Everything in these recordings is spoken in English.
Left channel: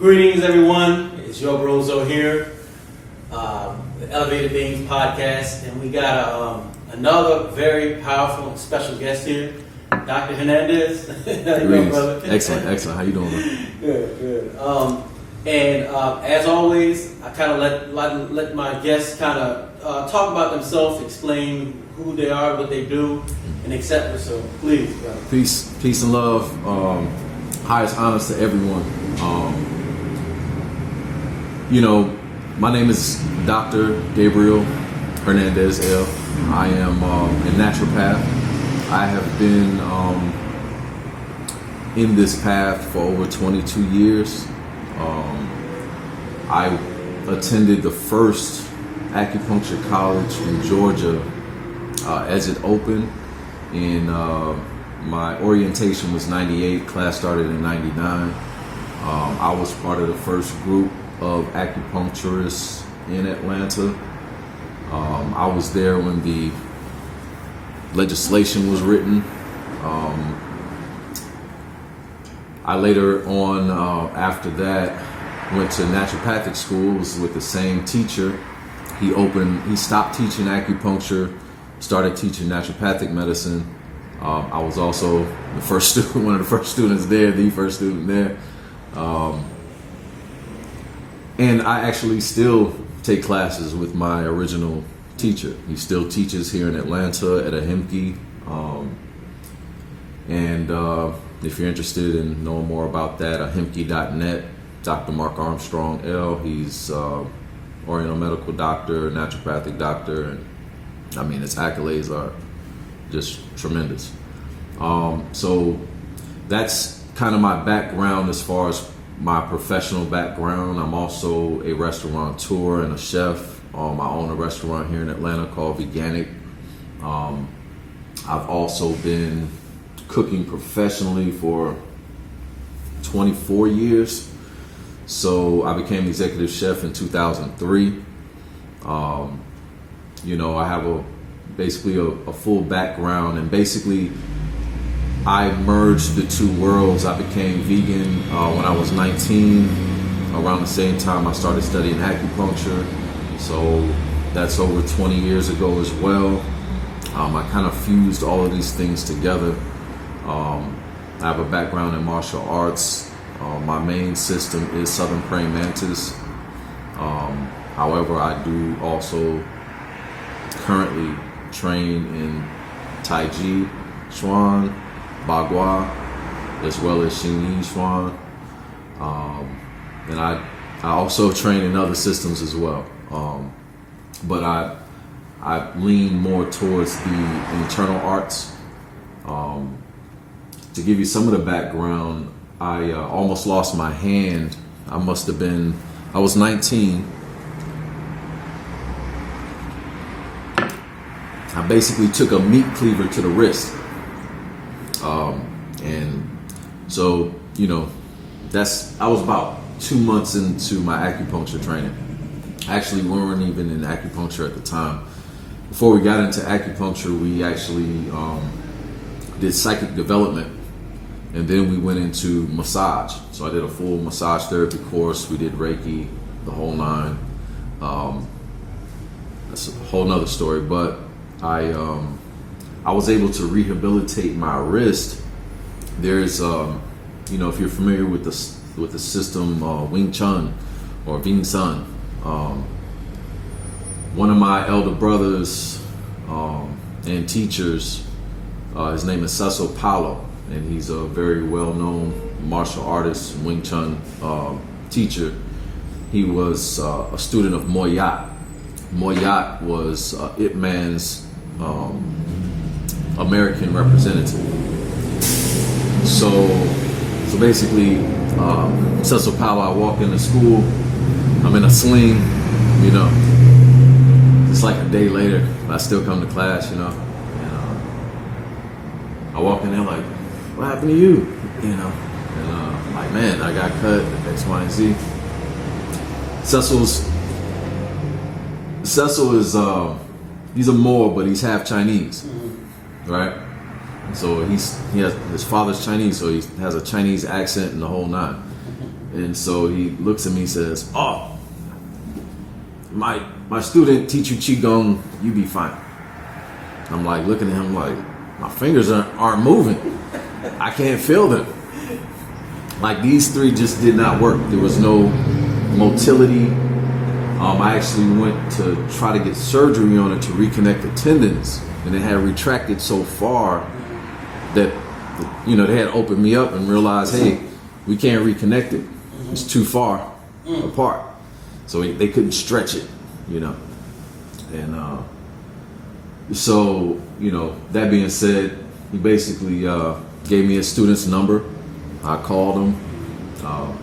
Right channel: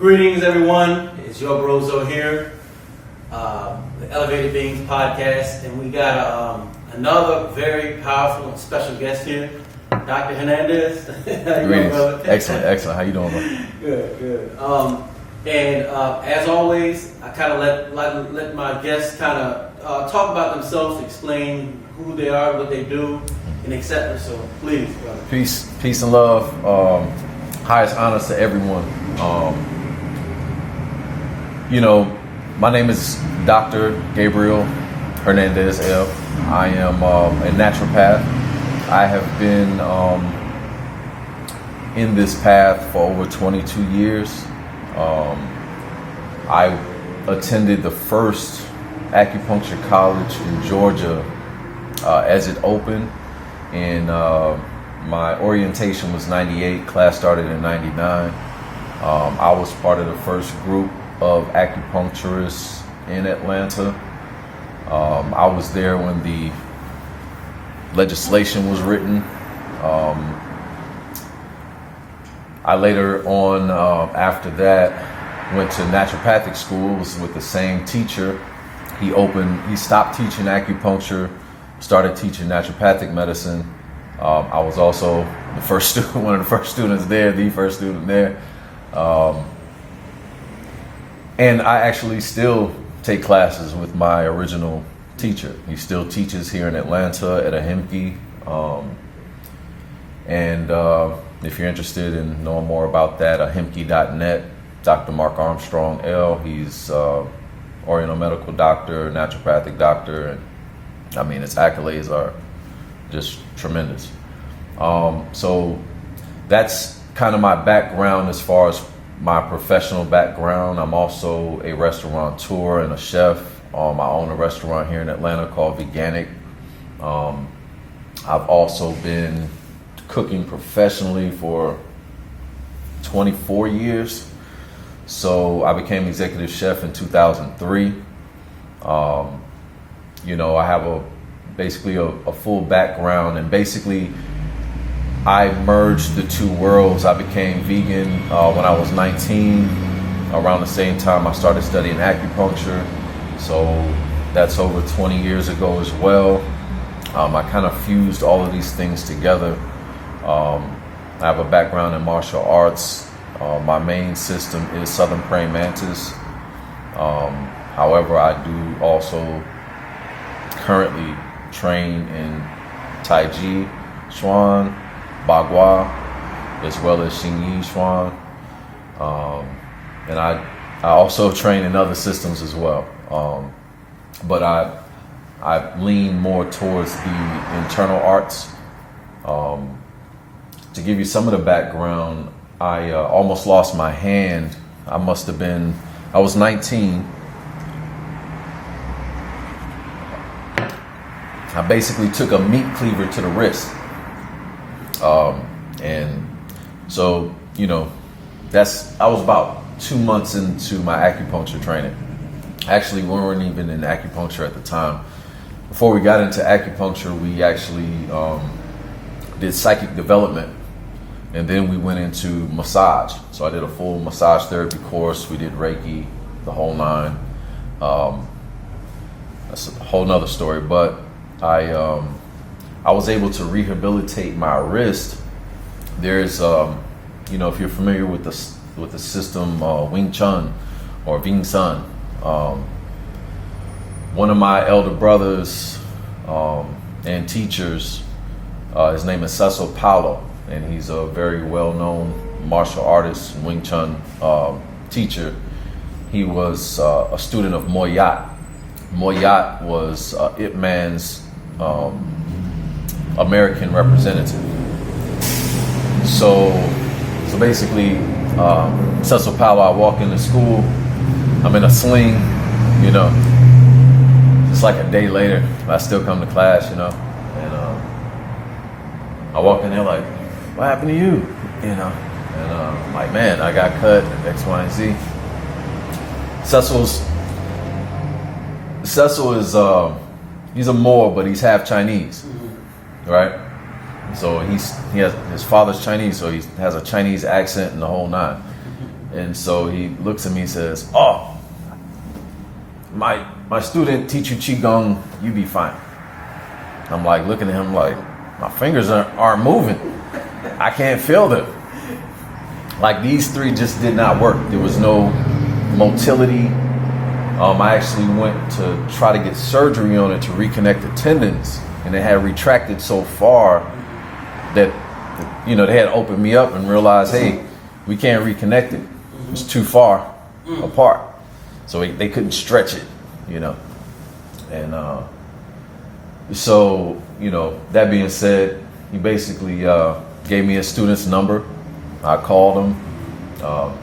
Greetings, everyone. It's your Brozo here, the Elevated Beings podcast, and we got another very powerful and special guest here, Dr. Hernandez. How you doing, brother? Excellent. How you doing, brother? Good. And as always, I kind of let my guests kind of talk about themselves, explain who they are, what they do, and etc. So please, brother. Peace and love. Highest honors to everyone. My name is Dr. Gabriel Hernandez-El. I am a naturopath. I have been in this path for over 22 years. I attended the first acupuncture college in Georgia as it opened, and my orientation was 98, class started in 99. I was part of the first group of acupuncturists in Atlanta. I was there when the legislation was written. I later on, after that, went to naturopathic school, was with the same teacher. He stopped teaching acupuncture, started teaching naturopathic medicine. I was also one of the first students there. And I actually still take classes with my original teacher. He still teaches here in Atlanta at Ahimki. If you're interested in knowing more about that, ahimki.net, Dr. Mark Armstrong L. He's Oriental medical doctor, naturopathic doctor, and his accolades are just tremendous. So that's kind of my background as far as my professional background. I'm also a restaurateur and a chef. I own a restaurant here in Atlanta called Veganic. I've also been cooking professionally for 24 years. So I became executive chef in 2003. I have basically a full background, and basically I merged the two worlds. I became vegan when I was 19. Around the same time I started studying acupuncture. So that's over 20 years ago as well. I kind of fused all of these things together. I have a background in martial arts. My main system is Southern Praying Mantis. However, I do also currently train in taichichuan, bagua, as well as chinesemartialarts. And I also train in other systems as well. But I lean more towards the internal arts. To give you some of the background, I almost lost my hand. I was 19. I basically took a meat cleaver to the wrist. And so, I was about 2 months into my acupuncture training. Actually, we weren't even in acupuncture at the time. Before we got into acupuncture, we actually did psychic development. And then we went into massage. So I did a full massage therapy course. We did Reiki, the whole nine. That's a whole nother story. But I was able to rehabilitate my wrist. There's, if you're familiar with the system wingchun or wingchun, one of my elder brothers and teachers, his name is Cecil Paulo. And he's a very well-known martial artist and Wing Chun teacher. He was a student of Moyat. Moyat was Ipman's American representative. So basically, Cecil Paulo, I walk into school, I'm in a sling, It's like a day later, I still come to class, And I walk in there like, what happened to you? And I'm like, man, I got cut, X, Y, and Z. Cecil is, he's a Moor, but he's half Chinese, right? So his father's Chinese, so he has a Chinese accent and the whole nine. And so he looks at me and says, "Oh, my student teach you qigong, you be fine." I'm like looking at him like, my fingers aren't moving. I can't feel them. Like these three just did not work. There was no motility. I actually went to try to get surgery on it to reconnect the tendons, and it had retracted so far that, you know, they had opened me up and realized, hey, we can't reconnect it. It's too far apart. So they couldn't stretch it, you know. And so, you know, that being said, he basically gave me a student's number. I called him.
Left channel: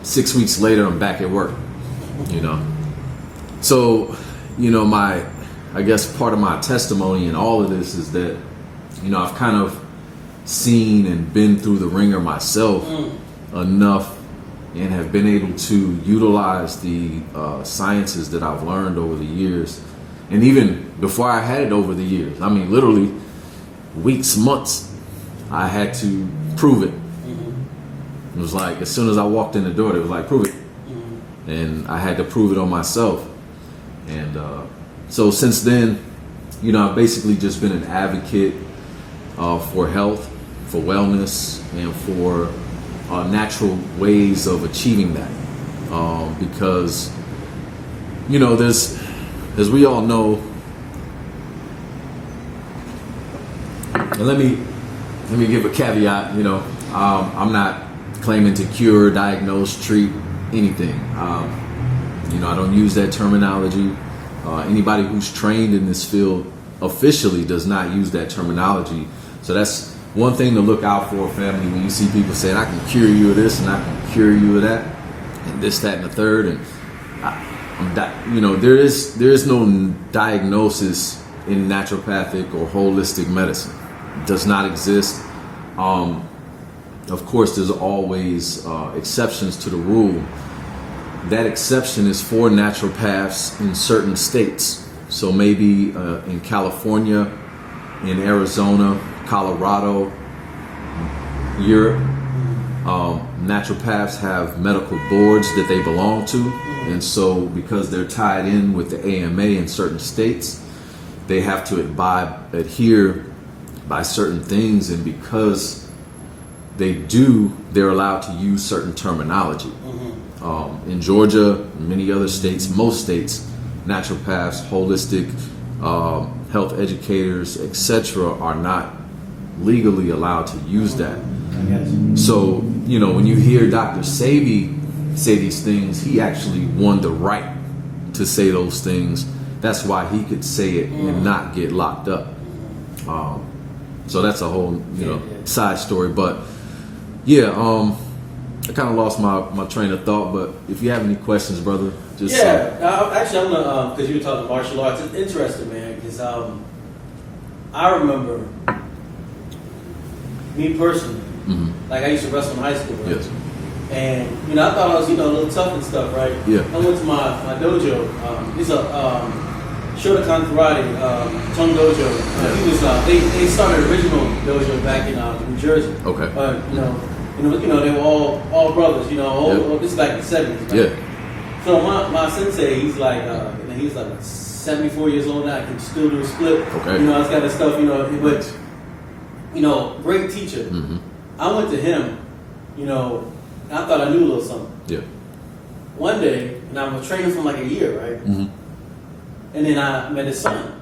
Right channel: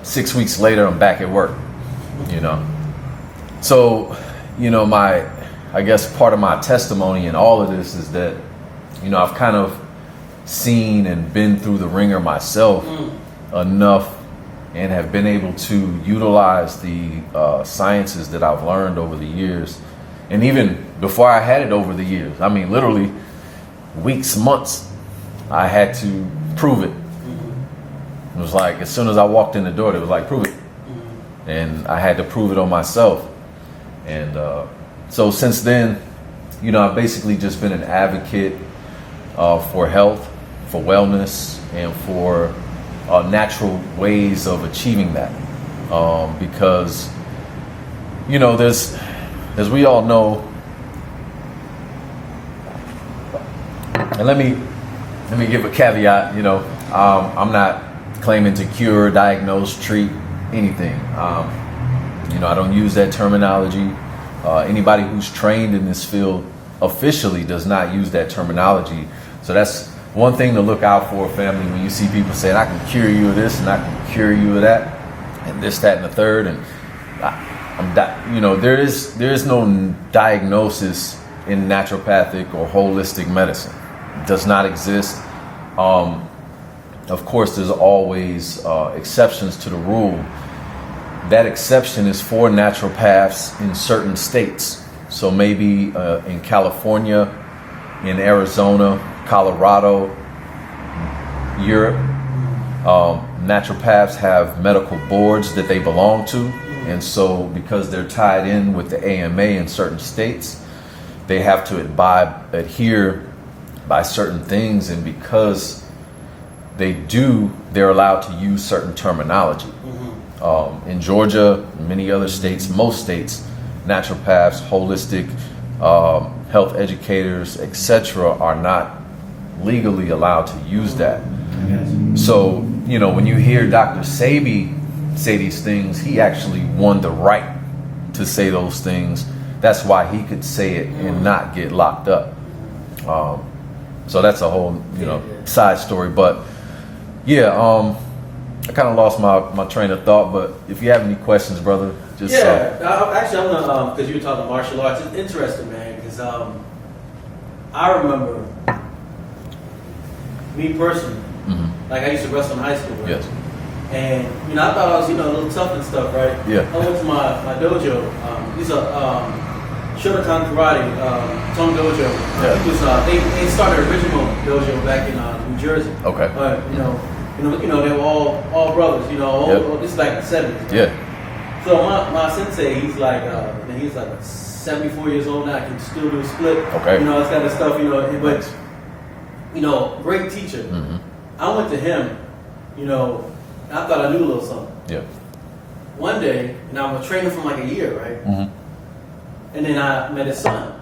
6 weeks later, I'm back at work, you know. So, you know, I guess part of my testimony in all of this is that, you know, I've kind of seen and been through the ringer myself enough and have been able to utilize the sciences that I've learned over the years. And even before I had it over the years, I mean, literally weeks, months, I had to prove it. It was like, as soon as I walked in the door, they was like, prove it. And I had to prove it on myself. And so since then, you know, I've basically just been an advocate for health, for wellness, and for natural ways of achieving that. Because, you know, there's, as we all know, and let me give a caveat, you know, I'm not claiming to cure, diagnose, treat anything. You know, I don't use that terminology. Anybody who's trained in this field officially does not use that terminology. So that's one thing to look out for, family, when you see people saying, I can cure you of this and I can cure you of that, and this, that, and the third. And you know, there is no diagnosis in naturopathic or holistic medicine. It does not exist. Of course, there's always exceptions to the rule. That exception is for naturopaths in certain states. So maybe in California, in Arizona, Colorado, Europe, naturopaths have medical boards that they belong to. And so because they're tied in with the AMA in certain states, they have to adhere by certain things. And because they're allowed to use certain terminology. In Georgia, and many other states, most states, naturopaths, holistic health educators, etc., are not legally allowed to use that. So, you know, when you hear Dr. Sebi say these things, he actually won the right to say those things. That's why he could say it and not get locked up. So that's a whole, you know, side story. But yeah, I kind of lost my train of thought. But if you have any questions, brother, just actually, I'm gonna because you were talking martial arts. It's interesting, man, because I remember me personally, like I used to wrestle in high school, right? Yes. And you know, I thought I was, you know, a little tough and stuff, right? Yeah. I went to my dojo. These are shotokankarate, Tone Dojo. Yeah. He was they started an original dojo back in New Jersey. Okay. But you know they were all brothers. You know, this is back in the 70s. Right? Yeah. So my sensei, he's like 74 years old now. Can still do a split. Okay. You know, this kind of stuff. You know, but you know, great teacher. I went to him. You know, and I thought I knew a little something. Yeah. One day, and I was training for like a year, right? And then I met his son.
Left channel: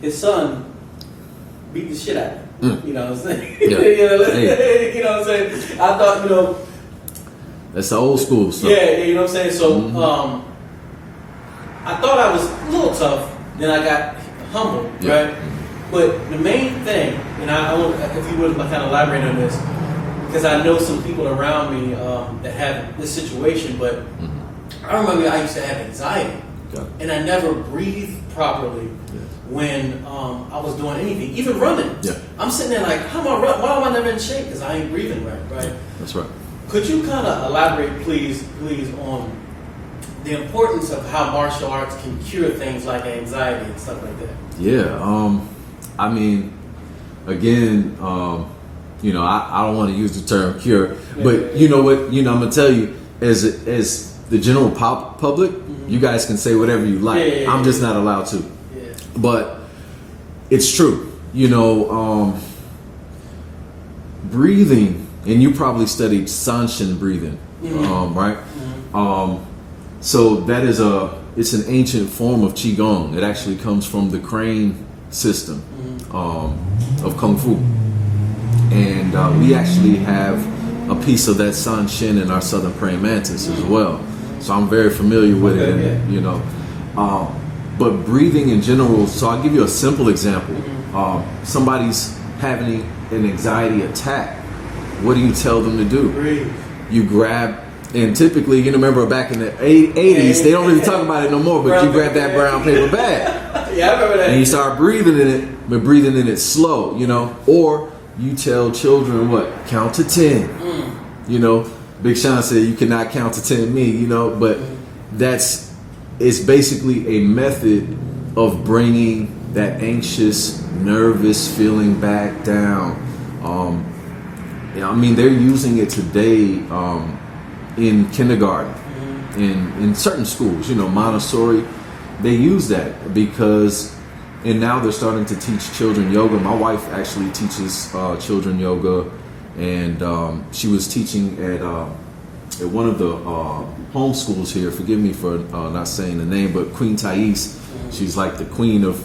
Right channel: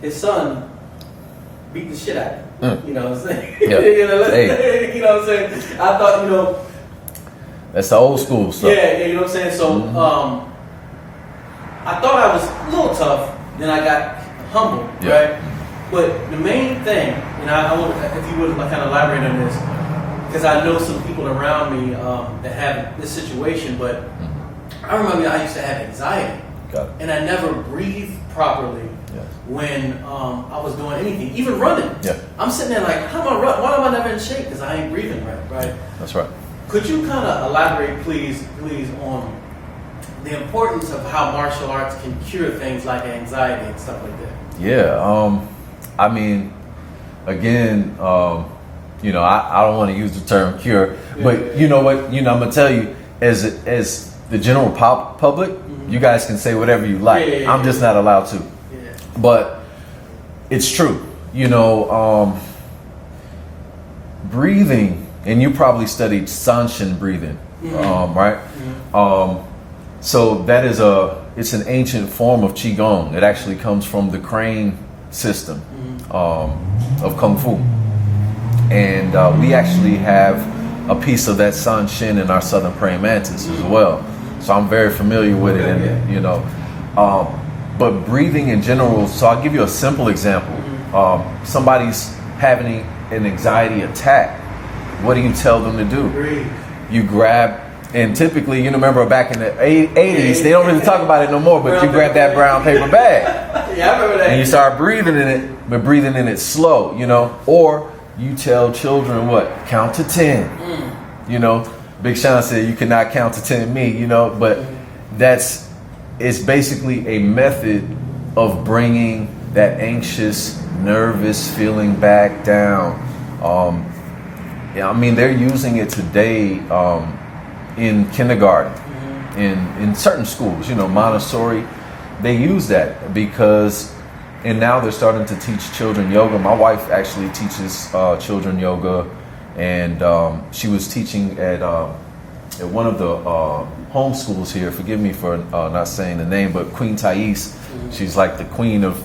His son beat the shit out of me. You know what I'm saying? Yeah. Hey. You know what I'm saying? I thought, you know. That's the old school stuff. Yeah, you know what I'm saying? So I thought I was a little tough. Then I got humble, right? But the main thing, and I want, if you would kind of elaborate on this, because I know some people around me that have this situation, but I remember I used to have anxiety. And I never breathed properly when I was doing anything, even running. I'm sitting there like, how am I run? Why am I never in shape? Because I ain't breathing right? That's right. Could you kind of elaborate, please, on the importance of how martial arts can cure things like anxiety and stuff like that? Yeah. I mean, again, you know, I don't want to use the term cure, but you know what? You know, I'm gonna tell you, as the general public, you guys can say whatever you like. I'm just not allowed to. Yeah. But it's true. You know, breathing, and you probably studied Sanshin breathing, right? So that is it's an ancient form of qigong. It actually comes from the crane system of kungfu, and we actually have a piece of that Sanshin in our southern praying mantis as well. So I'm very familiar with it, you know. But breathing in general. So I'll give you a simple example. Somebody's having an anxiety attack. What do you tell them to do? Breathe. You grab, and typically, you remember back in the 80s, they don't really talk about it no more, but you grab that brown paper bag. Yeah, I remember that. And you start breathing in it, but breathing in it slow, you know. Or you tell children what? Count to 10. You know, Big Sean said you cannot count to 10 me, you know, but it's basically a method of bringing that anxious, nervous feeling back down. I mean, they're using it today in kindergarten, in certain schools, you know, Montessori. They use that because, and now they're starting to teach children yoga. My wife actually teaches children yoga, and she was teaching at one of the home schools here. Forgive me for not saying the name, but Queen Thais. She's like the queen of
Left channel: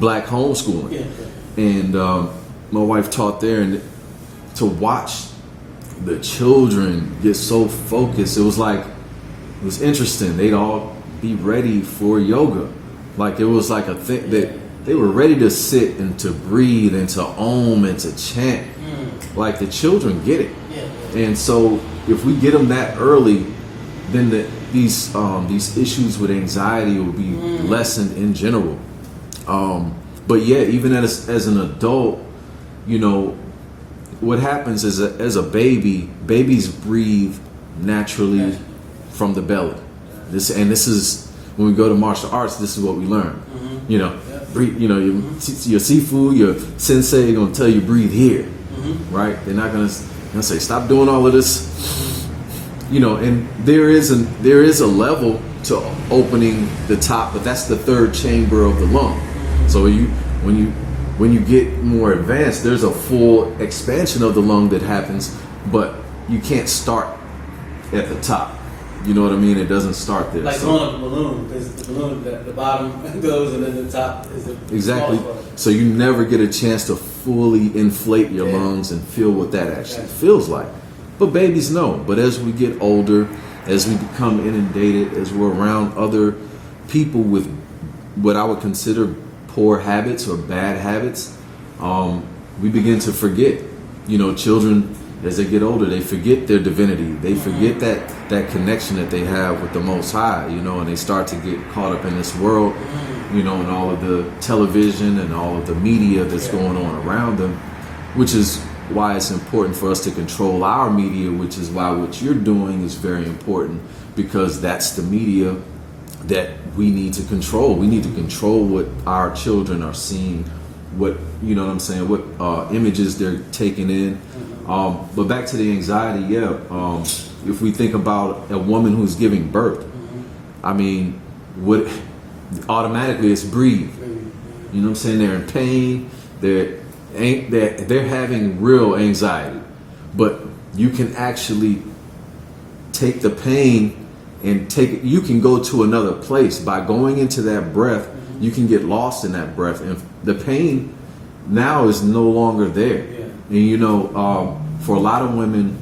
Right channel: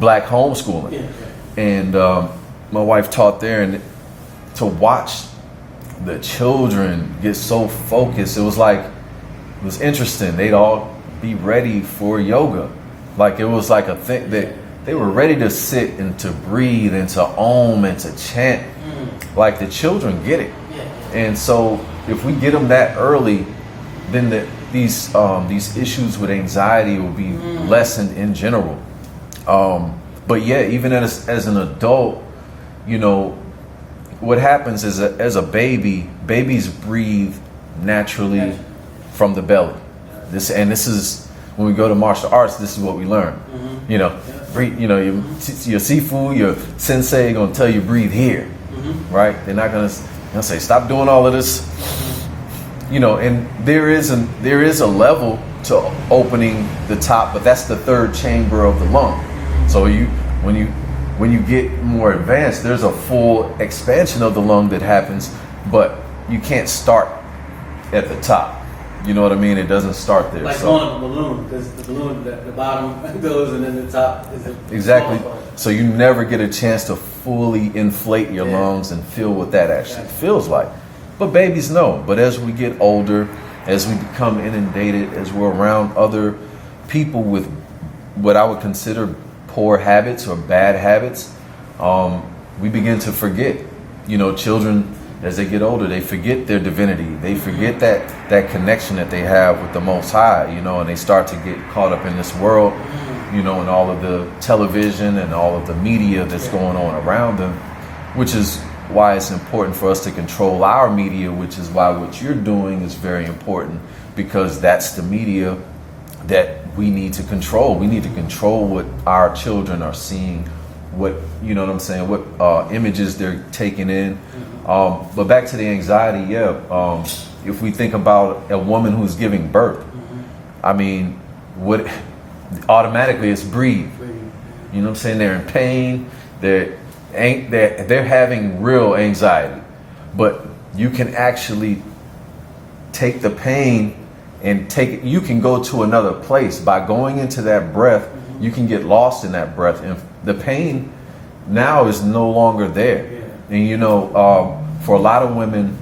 black homeschooling. And my wife taught there, and to watch the children get so focused, it was interesting. They'd all be ready for yoga. Like it was like a thing that they were ready to sit and to breathe and to om and to chant. Like the children get it. And so if we get them that early, then these issues with anxiety will be lessened in general. But yeah, even as an adult, you know, what happens is as a babies breathe naturally from the belly. This is when we go to martial arts. This is what we learn. You know, breathe. You know, your sifu, your sensei gonna tell you breathe here, right? They're not gonna say stop doing all of this. You know, and there is a level to opening the top, but that's the third chamber of the lung. So when you get more advanced, there's a full expansion of the lung that happens, but you can't start at the top. You know what I mean? It doesn't start there. Like on a balloon, because the balloon, the bottom goes and then the top is exactly. So you never get a chance to fully inflate your lungs and feel what that actually feels like. But babies know. But as we get older, as we become inundated, as we're around other people with what I would consider poor habits or bad habits, we begin to forget. You know, children, as they get older, they forget their divinity. They forget that connection that they have with the Most High, you know, and they start to get caught up in this world, you know, and all of the television and all of the media that's going on around them, which is why it's important for us to control our media, which is why what you're doing is very important, because that's the media that we need to control. We need to control what our children are seeing, what, you know what I'm saying, what images they're taking in. But back to the anxiety, if we think about a woman who's giving birth, I mean, what automatically it's breathe. You know what I'm saying? They're in pain. They're having real anxiety, but you can actually take the pain and you can go to another place by going into that breath. You can get lost in that breath, and the pain now is no longer there. And you know, for a lot of women,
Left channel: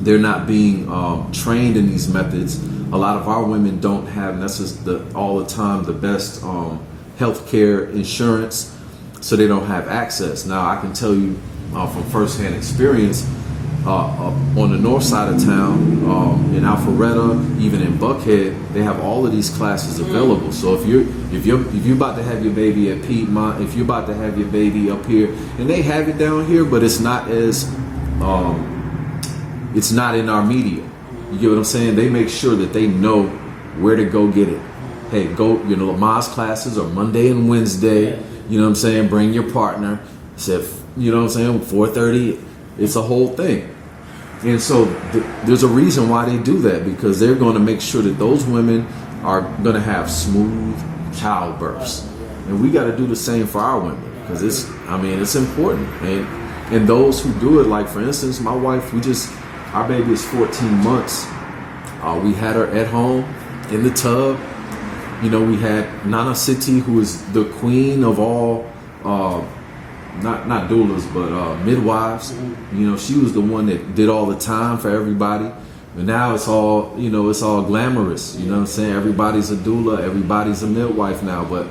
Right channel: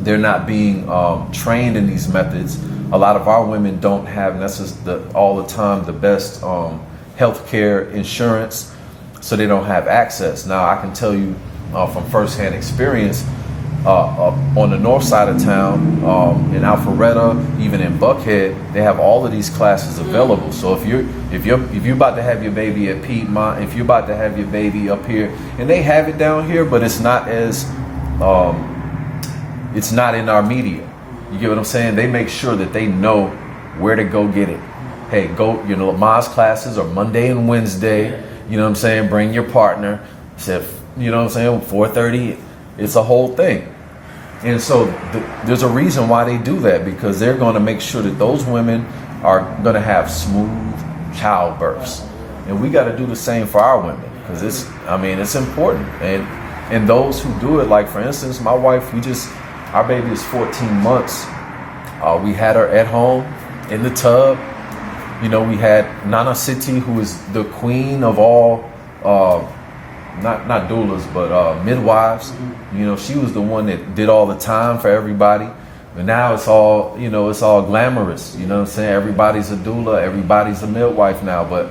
they're not being trained in these methods. A lot of our women don't have, and that's just all the time, the best healthcare insurance, so they don't have access. Now, I can tell you from firsthand experience, on the north side of town, in Alpharetta, even in Buckhead, they have all of these classes available. So if you're about to have your baby at Piedmont, if you're about to have your baby up here, and they have it down here, but it's not as it's not in our media. You get what I'm saying? They make sure that they know where to go get it. Hey, go, you know, Ma's classes are Monday and Wednesday. You know what I'm saying? Bring your partner. You know what I'm saying? 4:30. It's a whole thing. And so there's a reason why they do that, because they're going to make sure that those women are going to have smooth childbirths. And we got to do the same for our women, because it's important. And those who do it, like for instance, my wife, our baby is 14 months. We had her at home in the tub. You know, we had Nana Siti, who is the queen of all, not doulas, but midwives. Mm-hmm. You know, she was the one that did all the time for everybody. And now it's all, it's all glamorous. You know what I'm saying? Everybody's a doula, everybody's a midwife now. But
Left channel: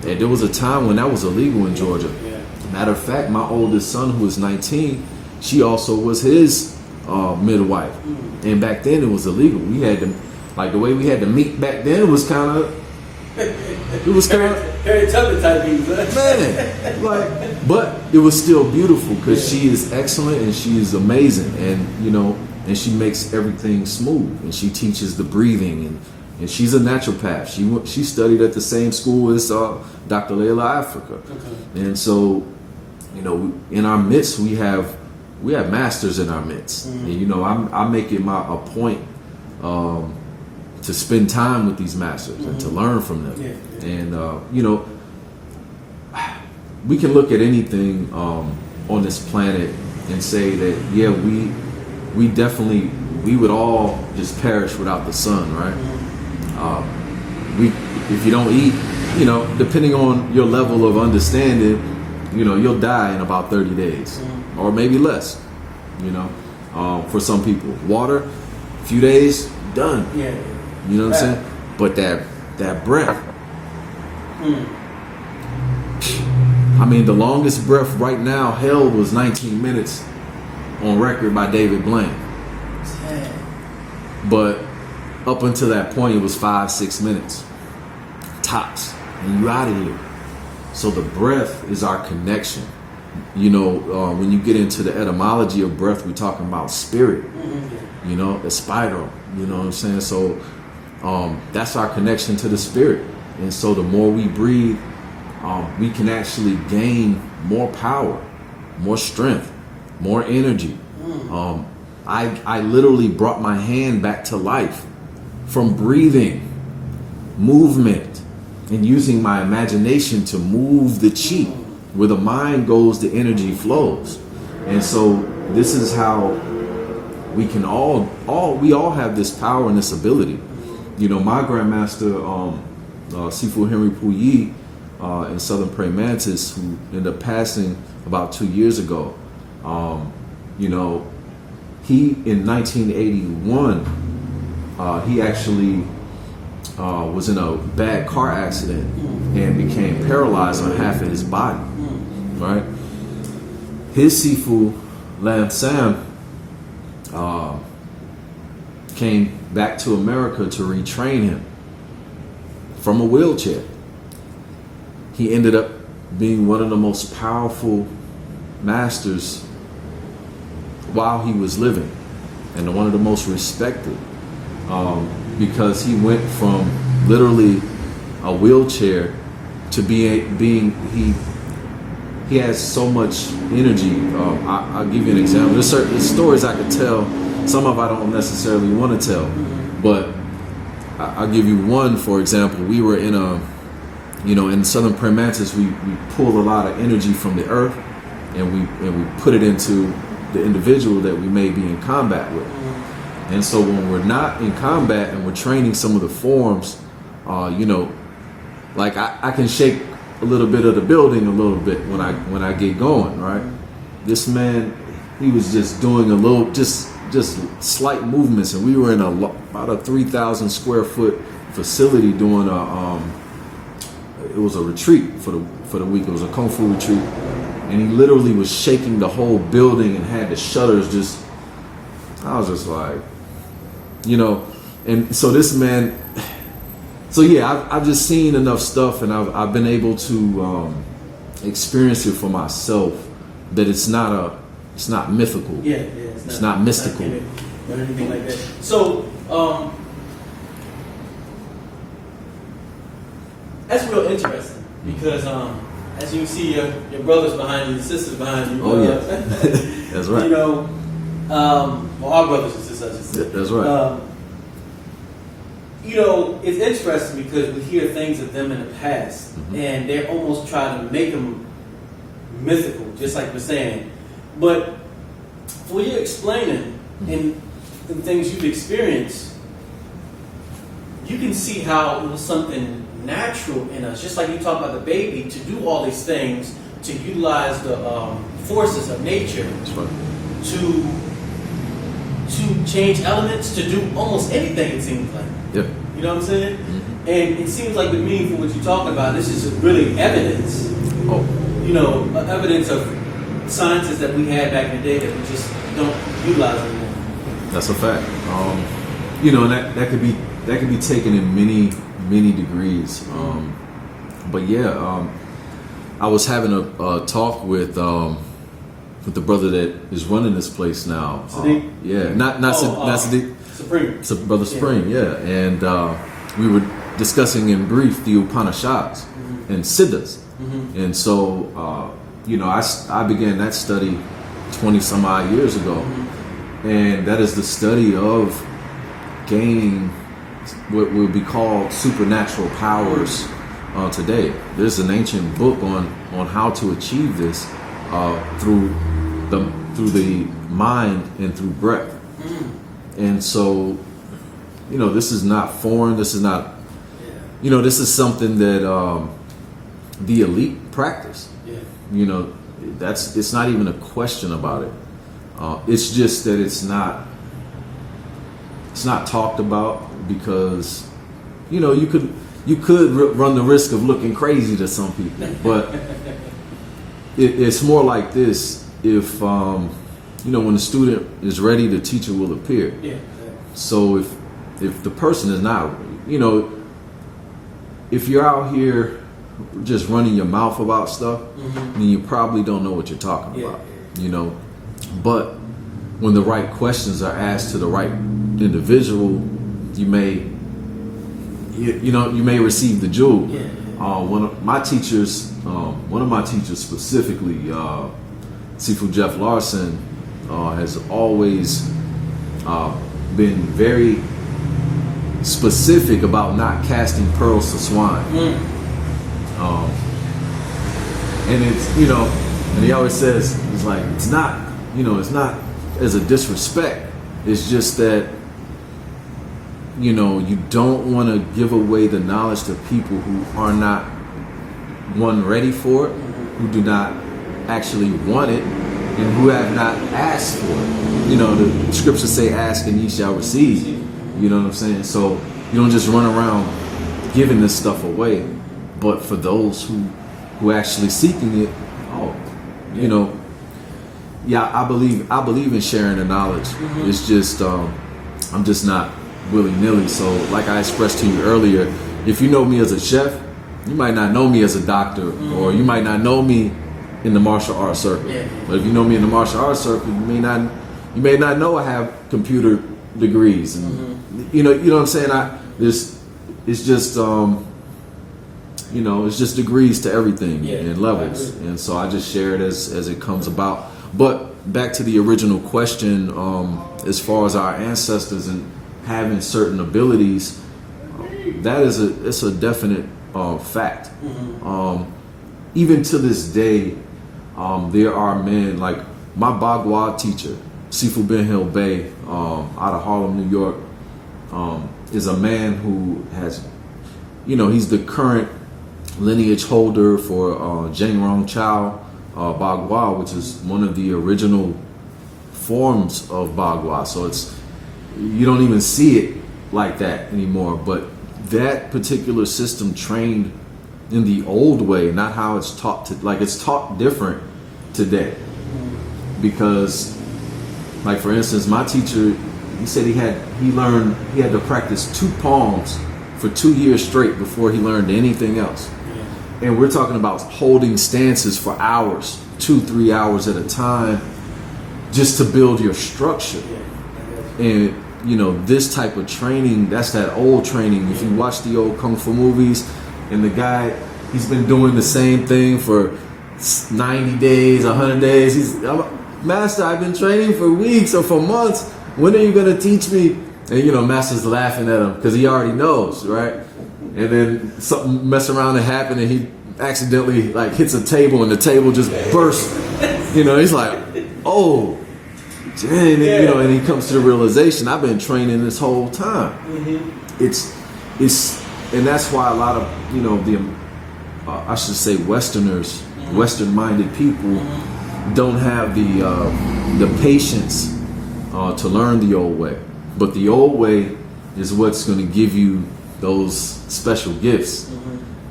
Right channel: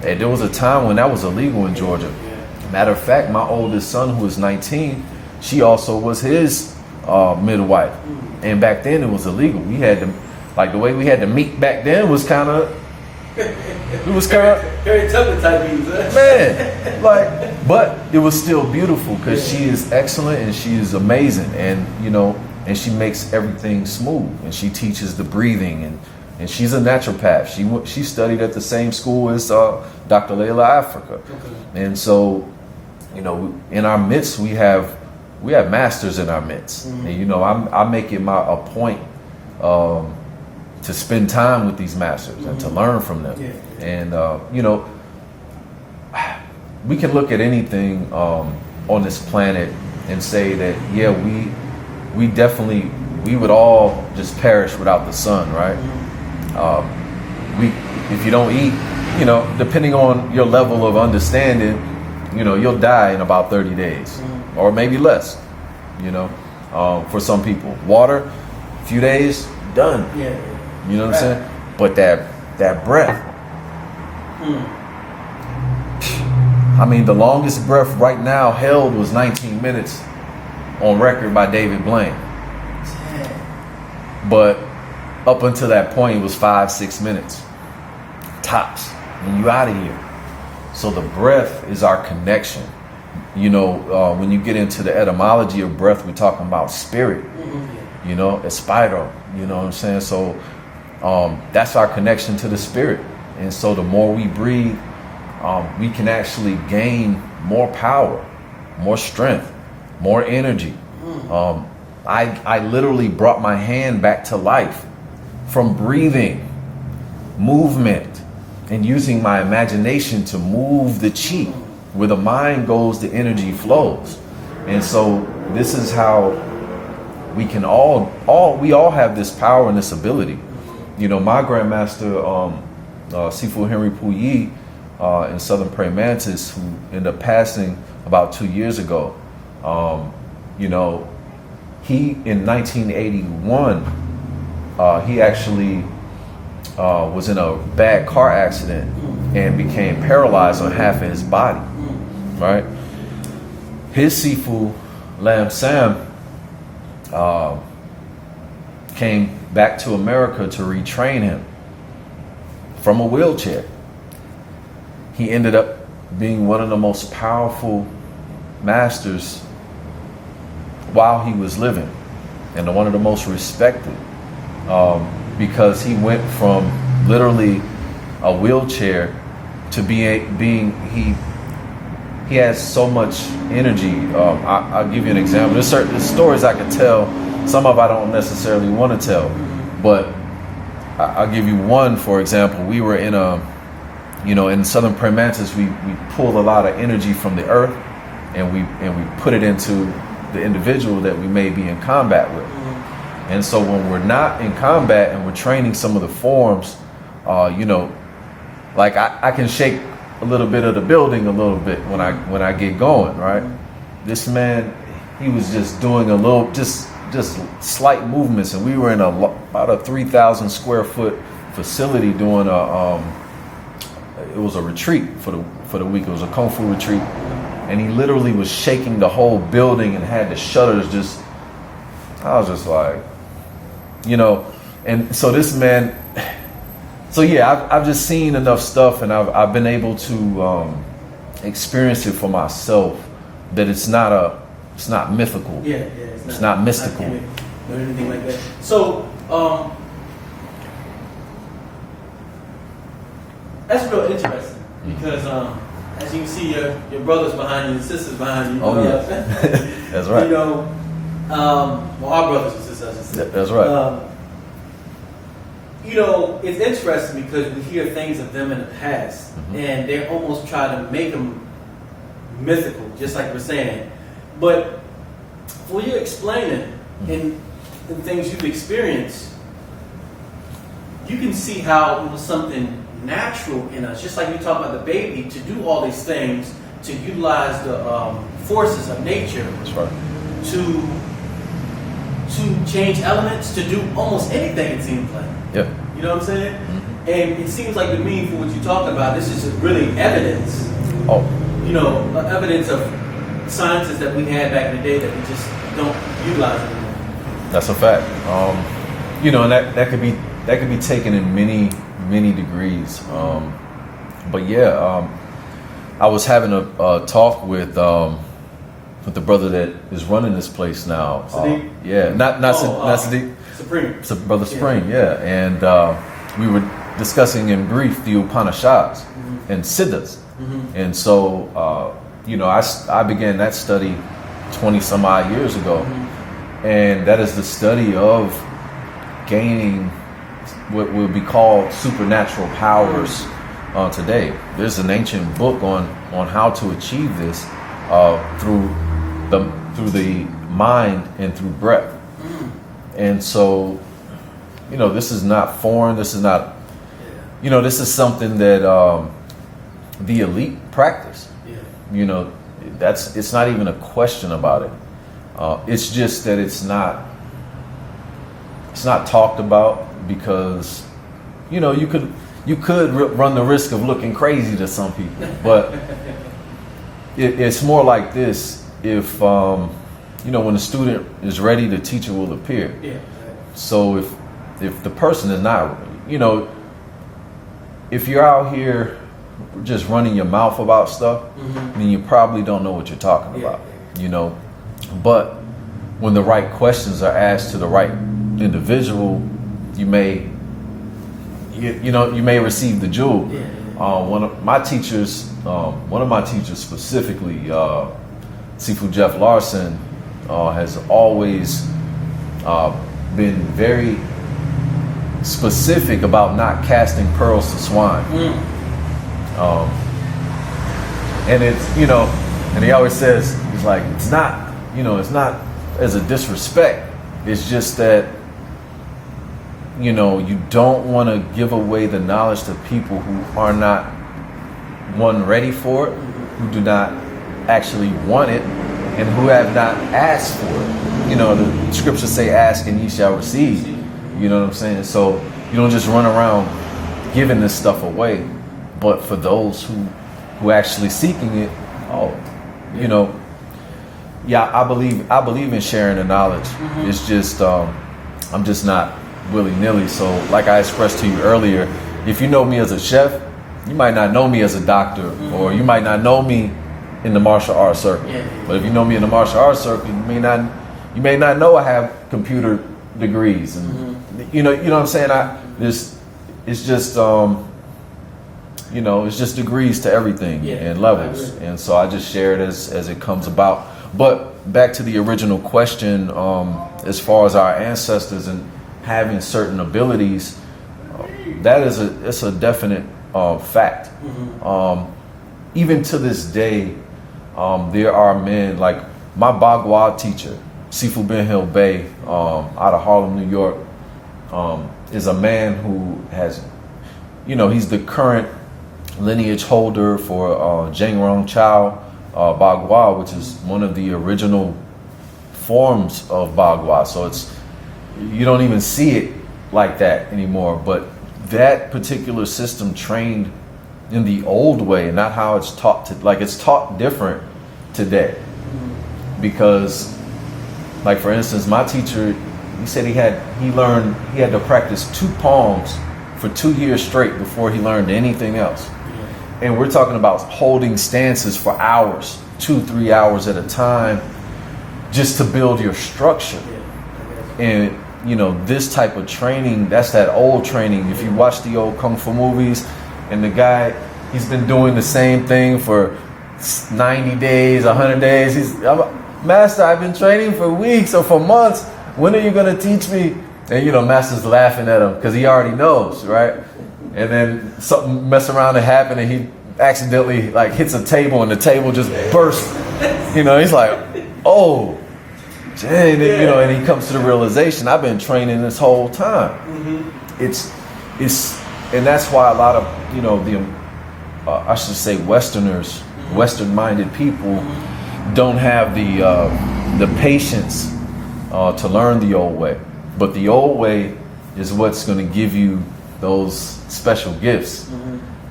there was a time when that was illegal in Georgia. Yeah. Matter of fact, my oldest son, who is 19, she also was his midwife. Mm-hmm. And back then it was illegal. We had to, the way we had to meet back then was kind of, very tough type things, man. But it was still beautiful, because she is excellent and she is amazing, and and she makes everything smooth, and she teaches the breathing, and she's a naturopath. She studied at the same school as Dr. Layla Africa. Okay. And so, in our midst we have masters in our midst. Mm-hmm. And I make it a point to spend time with these masters, mm-hmm. and to learn from them. Yeah. And we can look at anything on this planet and say that we would all just perish without the sun, right? Mm-hmm. If you don't eat, depending on your level of understanding, you'll die in about 30 days, mm-hmm. or maybe less. For some people, water, a few days, done. Yeah. You know what I'm saying? But that breath. I mean, the longest breath right now held was 19 minutes on record by David Blaine. But up until that point, it was 5-6 minutes tops, and you out of here. So the breath is our connection. When you get into the etymology of breath, we're talking about spirit. Mm-hmm. Espiro. You know what I'm saying? So that's our connection to the spirit. And so the more we breathe, we can actually gain more power, more strength, more energy. I literally brought my hand back to life from breathing, movement, and using my imagination to move the chi. Where the mind goes, the energy flows. And so this is how we can we all have this power and this ability. My grandmaster, Sifu Henry Puyi, in Southern Praying Mantis, who ended up passing about 2 years ago, he, in 1981, he actually was in a bad car accident and became paralyzed on half of his body, right? His Sifu, Lam Sam, came back to America to retrain him from a wheelchair. He ended up being one of the most powerful masters while he was living, and one of the most respected, because he went from literally a wheelchair to he has so much energy. I'll give you an example. There's certain stories I could tell. Some of I don't necessarily want to tell, but I'll give you one. For example, we were in in Southern Praying Mantis, we pulled a lot of energy from the earth, and we put it into the individual that we may be in combat with. And so when we're not in combat and we're training some of the forms, I can shake a little bit of the building a little bit when I get going, right? This man, he was just doing a little, just slight movements, and we were in about a 3,000 square foot facility doing it was a retreat for the week. It was a kungfu retreat, and he literally was shaking the whole building and had the shutters just. I was just like, and so this man. So yeah, I've just seen enough stuff, and I've been able to experience it for myself, that it's not mythical. Yeah, it's not mystical. Or anything like that. So that's real interesting, because as you can see, your brothers behind you, your sisters behind you. Oh yeah, that's right. Well, our brothers and sisters, I should say. That's right. You know, it's interesting because we hear things of them in the past, and they almost try to make them mythical, just like we're saying. But when you're explaining in things you've experienced, you can see how it was something natural in us, just like you talk about the baby, to do all these things, to utilize the forces of nature. That's right. To change elements, to do almost anything, it seems like. Yep. You know what I'm saying? And it seems like to me, for what you're talking about, this is really evidence. Oh. You know, evidence of sciences that we had back in the day that we just don't utilize anymore. That's a fact. You know, that could be taken in many degrees. But yeah, I was having a talk with the brother that is running this place now. Sadiq? Yeah, not Sadiq. Supreme. Brother Supreme, yeah. And we were discussing in brief the Upanishads and Siddhas. And so, you know, I began that study 20 some odd years ago. And that is the study of gaining what would be called supernatural powers today. There's an ancient book on how to achieve this through the mind and through breath. And so, you know, this is not foreign. This is not, you know, this is something that the elite practice. You know, it's not even a question about it. It's just that it's not talked about because, you know, you could run the risk of looking crazy to some people, but it's more like this. If you know, when the student is ready, the teacher will appear. So if the person is not, you know, if you're out here just running your mouth about stuff, then you probably don't know what you're talking about. You know, but when the right questions are asked to the right individual, you may receive the jewel. One of my teachers specifically, Sifu Jeff Larson, has always been very specific about not casting pearls to swine. And it's, you know, and he always says, it's like, it's not as a disrespect. It's just that, you know, you don't want to give away the knowledge to people who are not, one, ready for it, who do not actually want it, and who have not asked for it. You know, the scriptures say, ask and ye shall receive. You know what I'm saying? So you don't just run around giving this stuff away. But for those who actually seeking it, you know, I believe in sharing the knowledge. It's just I'm just not willy-nilly. So like I expressed to you earlier, if you know me as a chef, you might not know me as a doctor, or you might not know me in the martial arts circuit. But if you know me in the martial arts circuit, you may not know I have computer degrees. And, you know what I'm saying? It's just you know, it's just degrees to everything and levels. And so I just share it as it comes about. But back to the original question, as far as our ancestors and having certain abilities, that is it's a definite fact. Even to this day, there are men like my Bagua teacher, Sifu Ben Hill Bey, out of Harlem, New York, is a man who has, you know, he's the current lineage holder for Zhengrong Chao Bagua, which is one of the original forms of Bagua. So it's, you don't even see it like that anymore. But that particular system trained in the old way, not how it's taught it's taught different today. Because, like for instance, my teacher, he said he had to practice 2 palms for 2 years straight before he learned anything else. And we're talking about holding stances for hours, 2-3 hours at a time, just to build your structure. And you know, this type of training, that's that old training. If you watch the old kung fu movies, and the guy, he's been doing the same thing for 90 days, 100 days. Master, I've been training for weeks or for months. When are you going to teach me? And, you know, Master's laughing at him because he already knows, right? And then something mess around and happen, and he accidentally like hits a table, and the table just bursts. You know, he's like, oh, dang, you know, and he comes to the realization, I've been training this whole time. It's, and that's why a lot of, you know, the, I should say Westerners, Western-minded people don't have the patience to learn the old way. But the old way is what's going to give you those special gifts.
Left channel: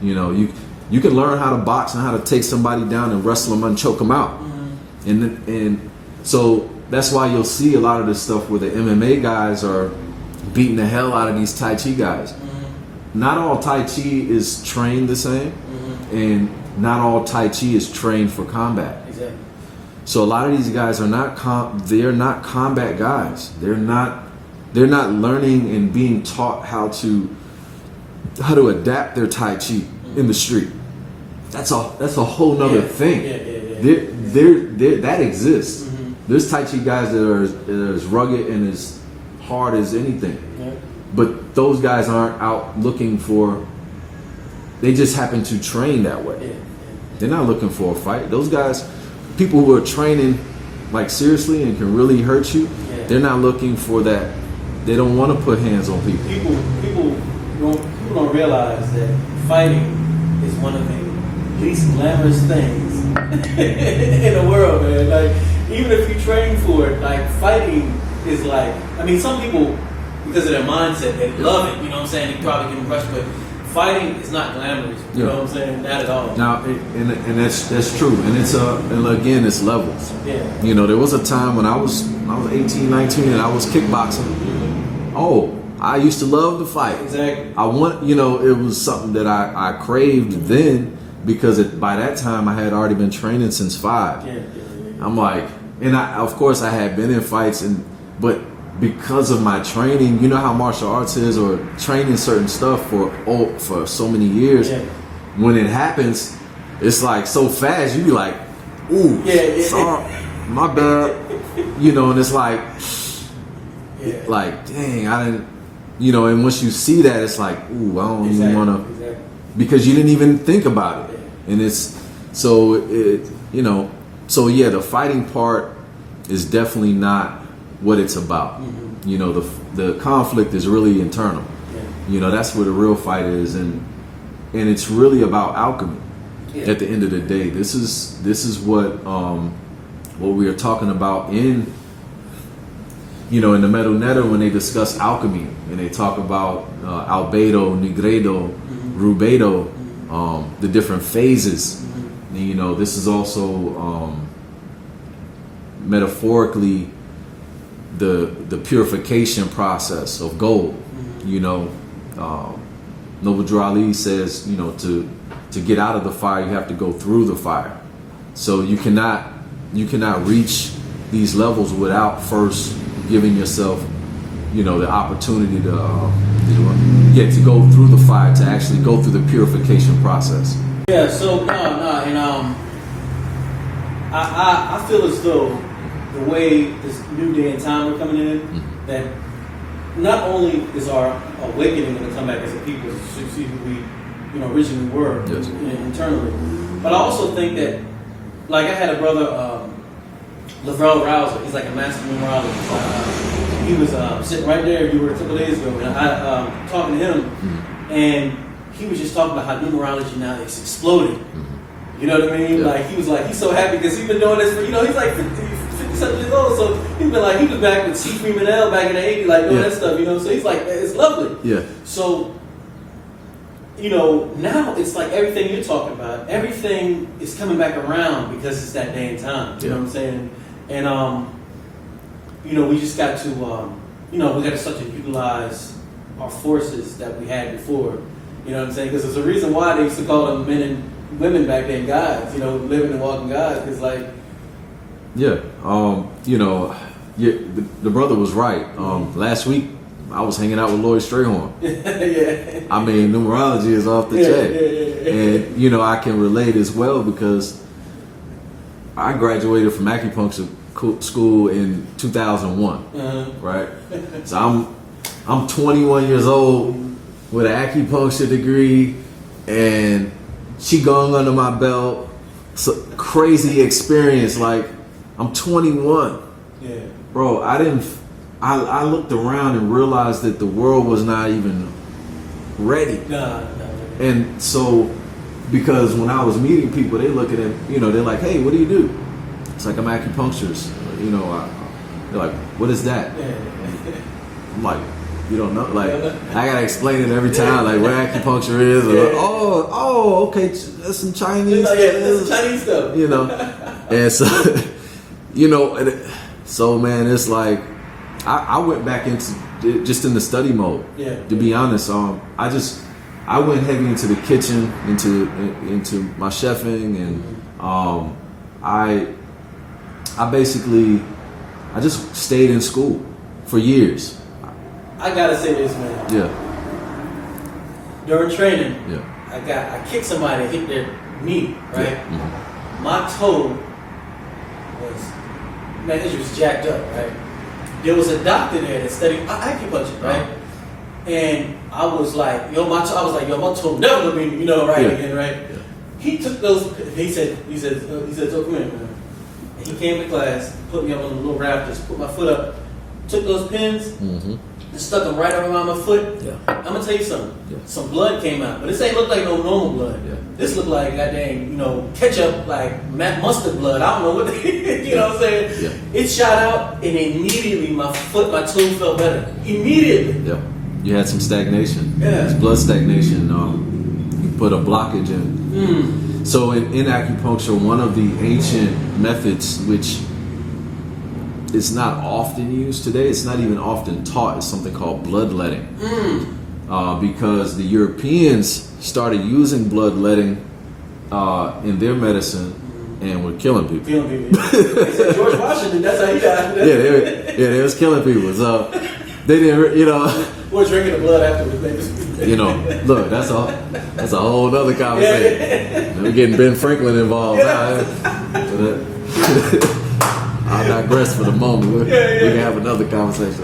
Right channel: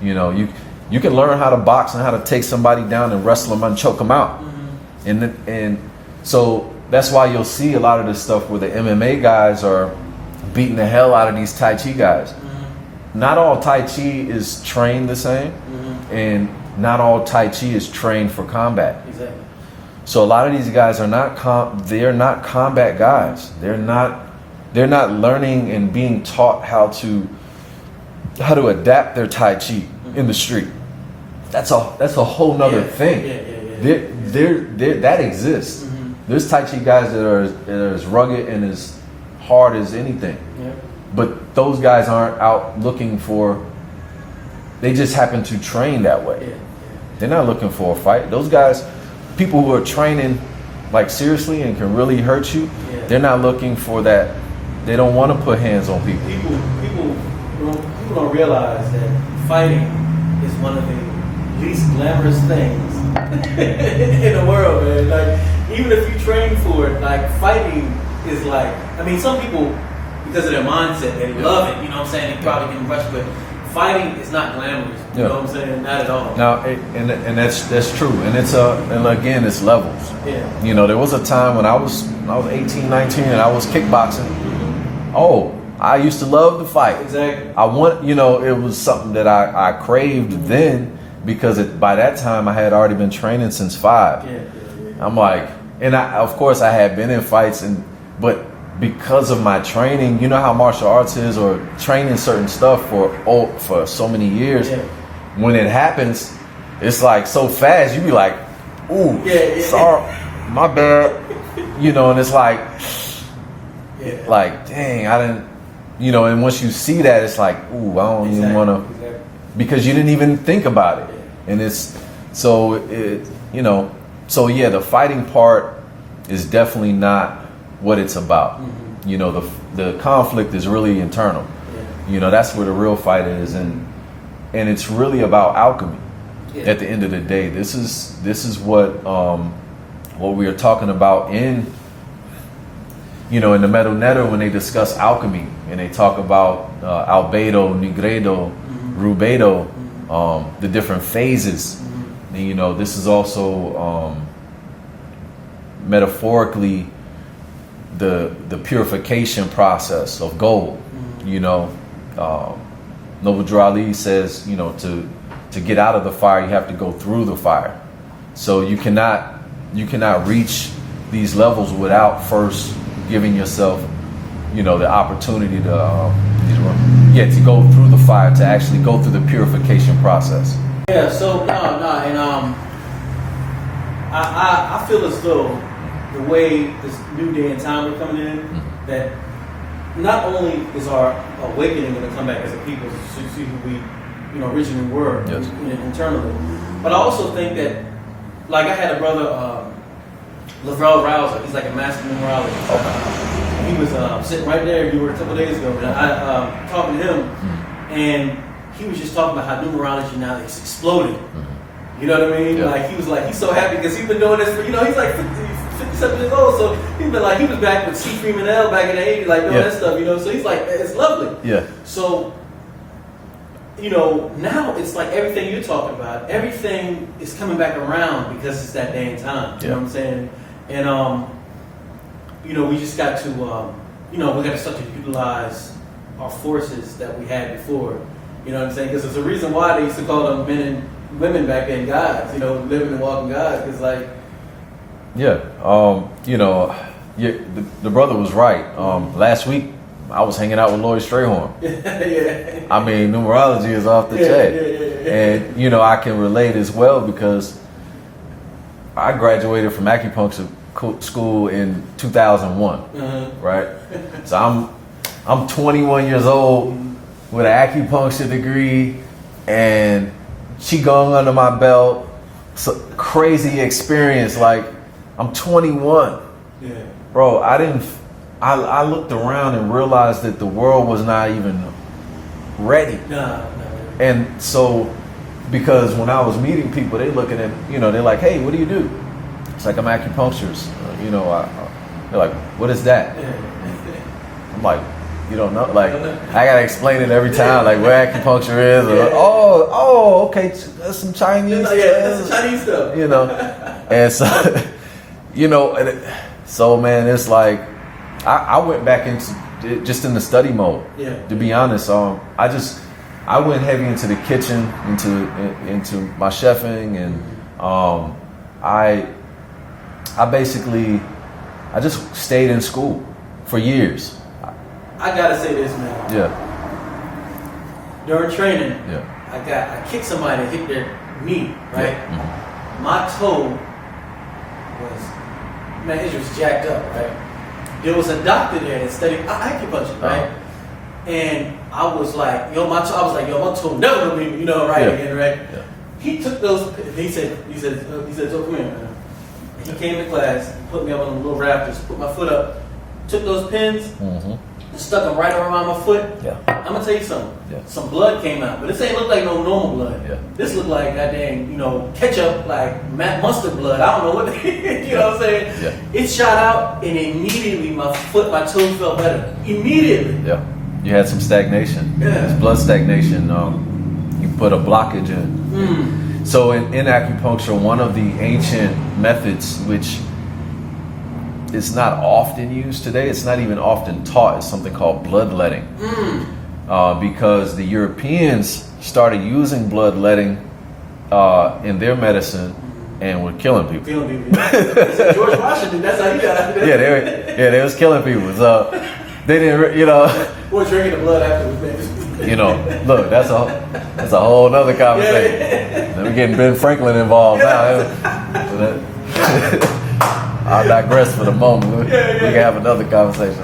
You know, you can learn how to box and how to take somebody down and wrestle them and choke them out. And so that's why you'll see a lot of this stuff where the MMA guys are beating the hell out of these Tai Chi guys. Not all Tai Chi is trained the same, and not all Tai Chi is trained for combat. Exactly. So a lot of these guys are they're not combat guys. They're not learning and being taught how to adapt their Tai Chi in the street. That's a whole nother thing. That exists. There's Tai Chi guys that are as rugged and as hard as anything. But those guys aren't out looking for, they just happen to train that way. They're not looking for a fight. Those guys, people who are training like seriously and can really hurt you, they're not looking for that. They don't want to put hands on people. People don't realize that fighting is one of the least glamorous things in the world, man. Like, even if you train for it, like, fighting is like, I mean, some people, because of their mindset, they love it, you know what I'm saying? They probably get impressed, but fighting is not glamorous, you know what I'm saying? Not at all. Now, and that's true, and it's and again, it's levels. You know, there was a time when I was 18, 19, and I was kickboxing. Oh, I used to love the fight. Exactly. You know, it was something that I craved then, because by that time I had already been training since 5. I'm like, and of course I had been in fights, but because of my training, you know how martial arts is, or training certain stuff for so many years, when it happens, it's like so fast, you be like, ooh, sorry, my bad, you know, and it's like, like, dang, I didn't, you know, and once you see that, it's like, ooh, I don't even want to, because you didn't even think about it. And it's, you know, so yeah, the fighting part is definitely not what it's about. You know, the conflict is really internal. You know, that's where the real fight is, and it's really about alchemy. At the end of the day, this is what we are talking about in, you know, in the Metal Netter, when they discuss alchemy and they talk about albedo, nigredo, rubedo, the different phases. And, you know, this is also metaphorically the purification process of gold. You know, Noble Drew Ali says, you know, to get out of the fire, you have to go through the fire. So you cannot reach these levels without first giving yourself, you know, the opportunity to go through the fire, to actually go through the purification process. So and I feel as though the way this new day and time we're coming in, that not only is our awakening going to come back as a people to see who we, you know, originally were internally, but I also think that, like, I had a brother, Lavelle Rouser, he's like a master numerologist. He was sitting right there, you were a couple days ago, and I talking to him, and he was just talking about how numerology now is exploding. You know what I mean? Like, he was like, he's so happy because he's been doing this for, you know, he's like 57 years old, so he's been like, he was back with C. Freeman L back in the 80s, like doing that stuff, you know, so he's like, it's lovely. So, you know, now it's like everything you're talking about, everything is coming back around because it's that day and time, you know what I'm saying? And, you know, we just got to, you know, we got to start to utilize our forces that we had before, you know what I'm saying? Because there's a reason why they used to call them men and women back then gods, you know, living and walking gods, because like... you know, the brother was right. Last week, I was hanging out with Lloyd Strayhorn. I mean, numerology is off the chain. And, you know, I can relate as well because I graduated from acupuncture school in 2001, right? So I'm 21 years old with an acupuncture degree and qigong under my belt. So crazy experience. Like, I'm 21. Yeah. Bro, I looked around and realized that the world was not even ready. Nah. And so, because when I was meeting people, they looking at, they're like, hey, what do you do? It's like, I'm acupuncturist. They're like, what is that? I'm like, you don't know? Like, I gotta explain it every time, like what acupuncture is. Or, okay, that's some Chinese stuff. Yeah, that's some Chinese stuff. And so, so man, it's like, I went back into just in the study mode. Yeah. To be honest, I went heavy into the kitchen, into my chefing, and I just stayed in school for years. I gotta say this, man. Yeah. During training, Yeah. I kicked somebody and hit their knee, right? Yeah. Mm-hmm. My toe it was jacked up, right? There was a doctor there that studied acupuncture, right? And I was like, my toe never gonna be, right again, right? Yeah. He took those. He said, so come here, man. And he came to class, put me up on the little rafters, put my foot up, took those pins, and stuck them right around my foot. Yeah. I'm gonna tell you something. Yeah. Some blood came out, but this ain't look like no normal blood. Yeah. This looked like goddamn, ketchup, like mustard blood. I don't know what you know what I'm saying. Yeah. It shot out, and immediately my toe felt better. Immediately. Yeah. You had some stagnation. Yeah. It's blood stagnation. You put a blockage in. So in acupuncture, one of the ancient methods, which is not often used today, it's not even often taught, is something called bloodletting. Because the Europeans started using bloodletting in their medicine and were killing people. George Washington, that's how he died. They was killing people. So they didn't, We're drinking the blood afterwards, man. Look, that's a whole other conversation. We're getting Ben Franklin involved now. I'll digress for the moment. We can have another conversation.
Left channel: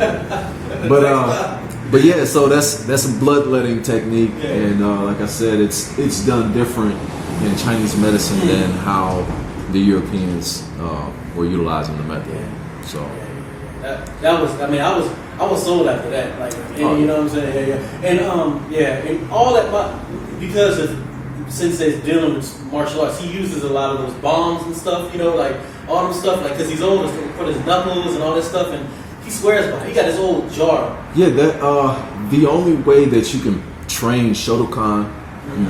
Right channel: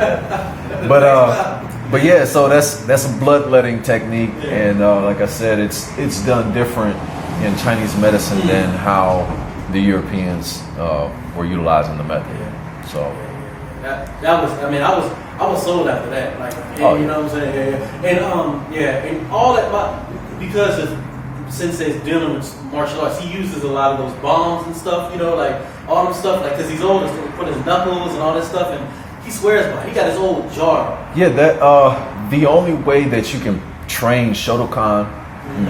But yeah, so that's a bloodletting technique, and like I said, it's done different in Chinese medicine than how the Europeans were utilizing the method. So that was, I was sold after that, like, you know what I'm saying, and all that, because Sensei's dealing with martial arts, he uses a lot of those bombs and stuff, like all them stuff, like, because he's old, for his knuckles and all that stuff, and he swears by it. He got his old jar. Yeah, that the only way that you can train shotokan,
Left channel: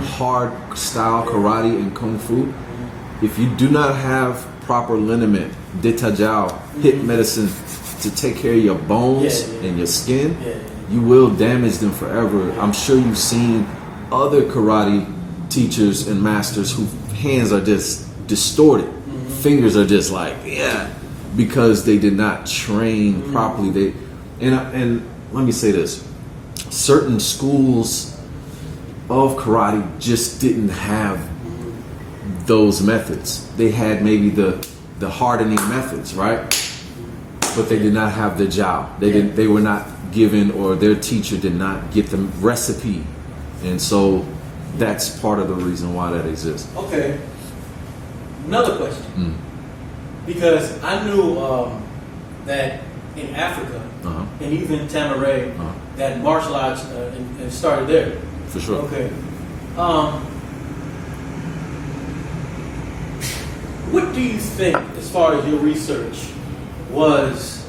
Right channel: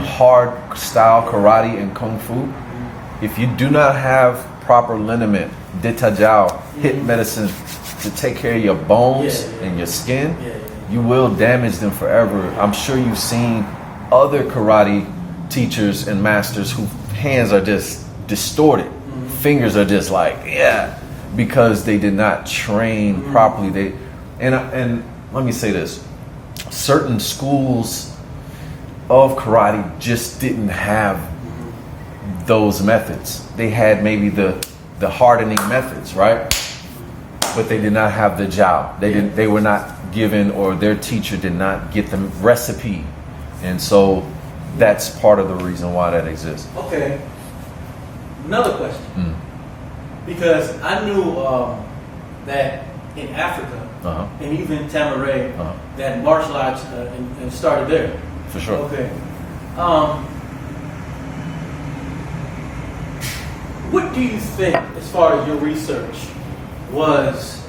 hard style karate and kungfu, if you do not have proper liniment, detajao, hip medicine to take care of your bones and your skin, you will damage them forever. I'm sure you've seen other karate teachers and masters whose hands are just distorted. Fingers are just like, because they did not train properly. And let me say this, certain schools of karate just didn't have those methods. They had maybe the hardening methods, right? But they did not have the job. They were not given, or their teacher did not get the recipe. And so that's part of the reason why that exists. Okay. Another question. Because I knew that in Africa, and even Tamaray, that martial arts and started there. For sure. Okay. What do you think, as far as your research, was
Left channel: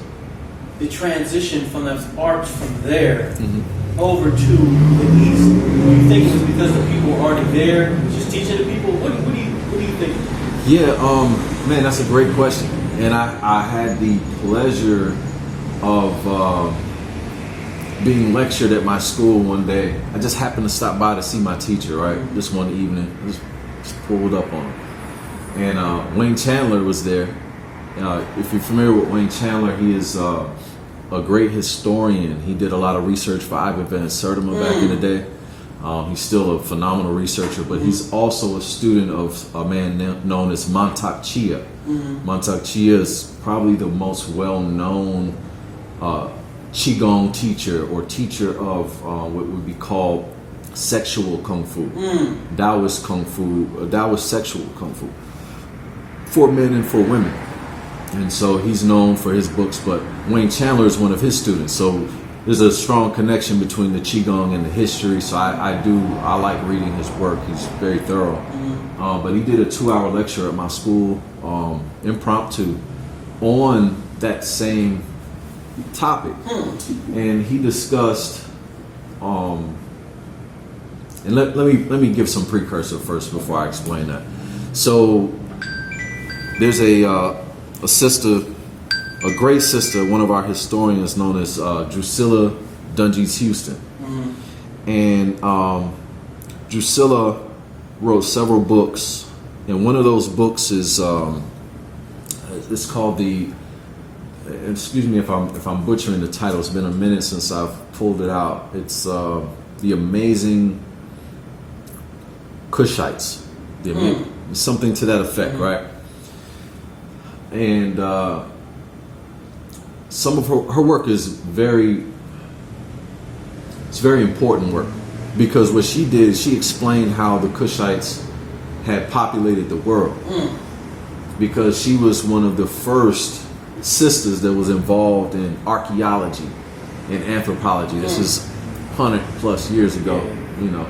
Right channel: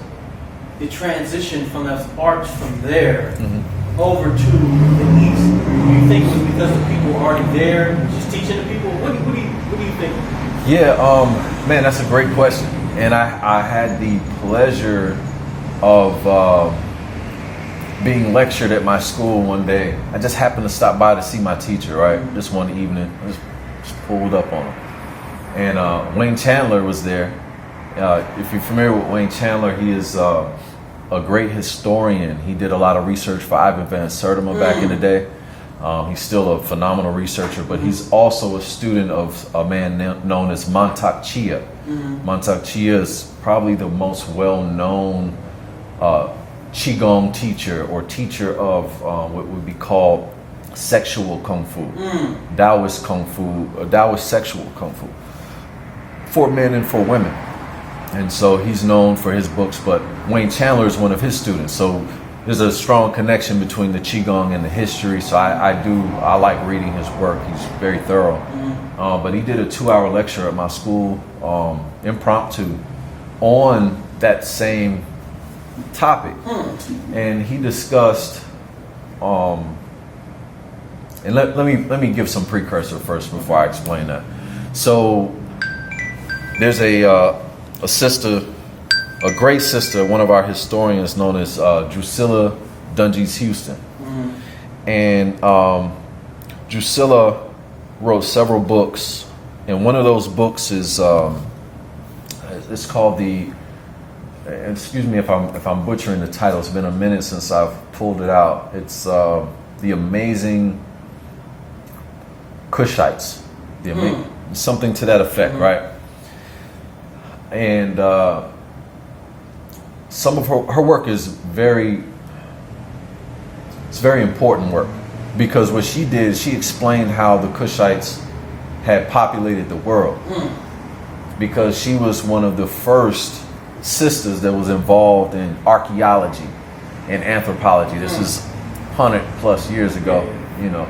the transition from that arts from there over to the East? Do you think it was because the people were already there, just teaching the people? What do you think? Yeah, man, that's a great question. And I had the pleasure of being lectured at my school one day. I just happened to stop by to see my teacher, right? This one evening, just pulled up on him. And Wayne Chandler was there. If you're familiar with Wayne Chandler, he is a great historian. He did a lot of research for Ivan Van Sertima back in the day. He's still a phenomenal researcher, but he's also a student of a man known as Mantak Chia. Mantak Chia is probably the most well-known qigong teacher or teacher of what would be called sexual kung fu, Taoist kung fu, or Taoist sexual kung fu, for men and for women. And so he's known for his books, but Wayne Chandler is one of his students. So there's a strong connection between the qigong and the history. So I like reading his work. He's very thorough. But he did a 2-hour lecture at my school, impromptu, on that same topic. And he discussed, and let me give some precursor first before I explain that. So there's a sister, a great sister, one of our historians known as Drusilla Dunges Houston. And Drusilla wrote several books, and one of those books is it's called the, excuse me if I'm butchering the title, it's been a minute since I've pulled it out. It's The Amazing Kushites, something to that effect, right? And some of her work is very important work, because what she did, she explained how the Kushites had populated the world, because she was one of the first sisters that was involved in archaeology and anthropology. This is 100+ years ago, you know.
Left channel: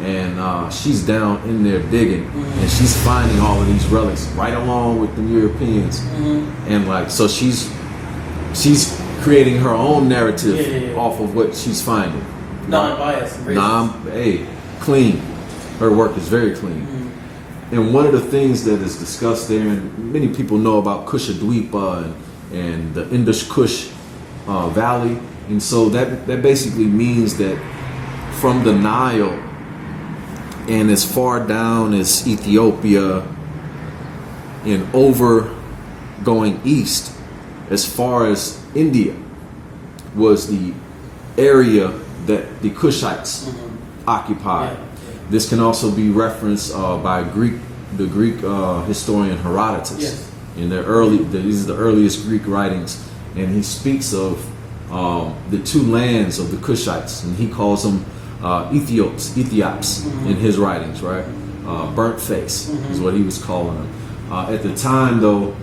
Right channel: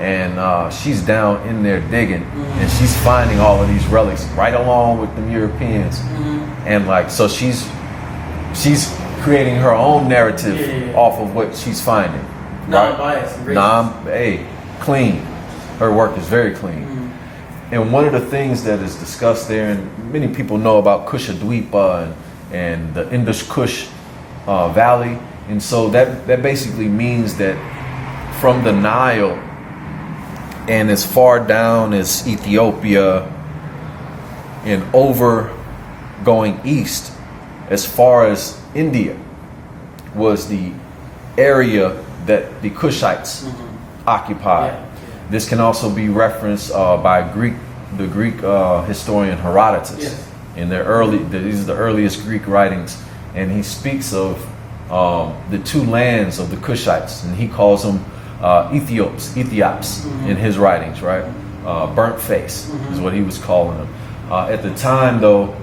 And she's down in there digging, and she's finding all of these relics right along with the Europeans. And like, so she's creating her own narrative off of what she's finding. Non-biased. Clean. Her work is very clean. And one of the things that is discussed there, and many people know about Kushadweepa and the Indus Kush Valley, and so that basically means that from the Nile and as far down as Ethiopia and over going east as far as India was the area that the Kushites occupied. This can also be referenced by the Greek historian Herodotus. In these are the earliest Greek writings, and he speaks of the two lands of the Kushites, and he calls them Ethiops in his writings, right? Burnt face is what he was calling them. At the time, though,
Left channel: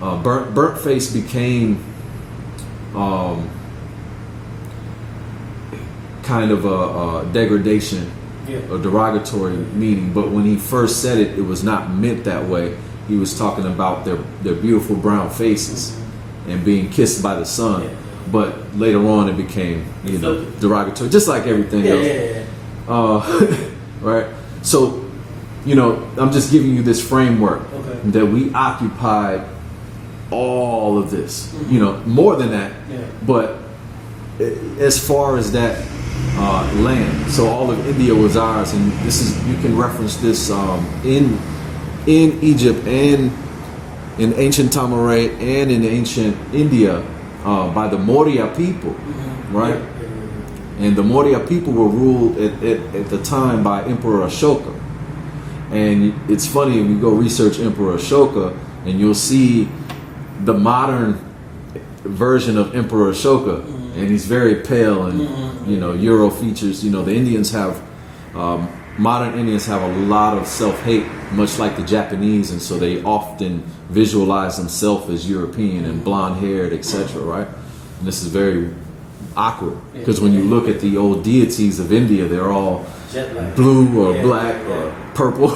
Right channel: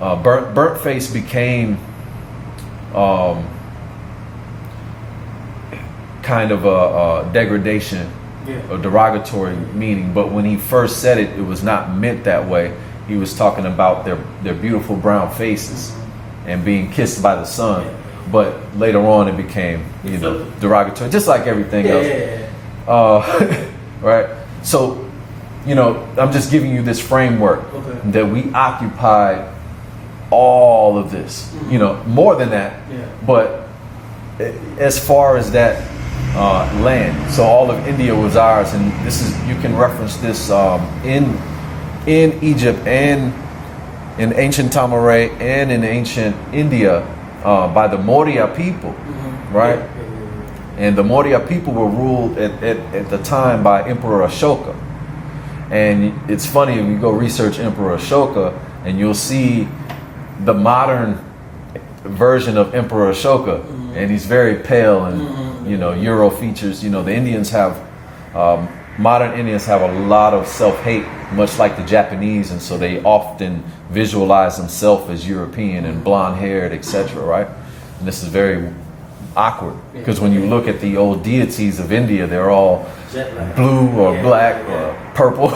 burnt face became kind of a degradation, a derogatory meaning. But when he first said it, it was not meant that way. He was talking about their beautiful brown faces and being kissed by the sun. But later on, it became derogatory, just like everything else. Right? So, I'm just giving you this framework that we occupied all of this. More than that. But as far as that land, so all of India was ours, and you can reference this in Egypt and in ancient Tamaray and in ancient India. By the Maurya people, right? And the Maurya people were ruled at the time by Emperor Ashoka. And it's funny, we go research Emperor Ashoka, and you'll see the modern version of Emperor Ashoka, and he's very pale and Euro features. The Indians have modern Indians have a lot of self-hate, much like the Japanese, and so they often visualize themselves as European and blonde-haired, etc., right? And this is very awkward, because when you look at the old deities of India, they're all blue or black or purple.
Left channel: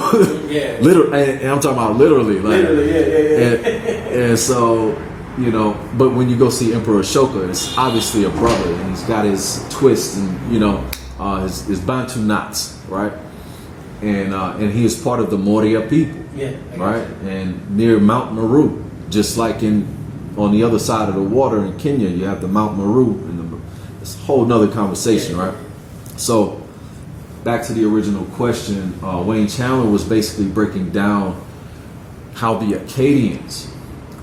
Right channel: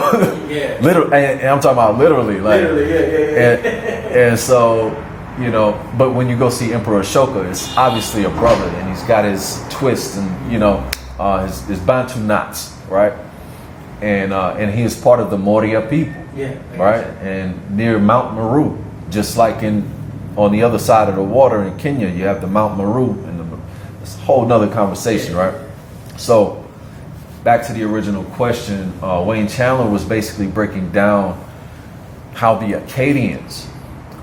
Literally, and I'm talking about literally. And so, but when you go see Emperor Ashoka, it's obviously a brother, and he's got his twist and, his Bantu knots, right? And he is part of the Maurya people, right? And near Mount Meru, just like on the other side of the water in Kenya, you have the Mount Meru, and it's a whole nother conversation, right? So back to the original question, Wayne Chandler was basically breaking down how the Acadians,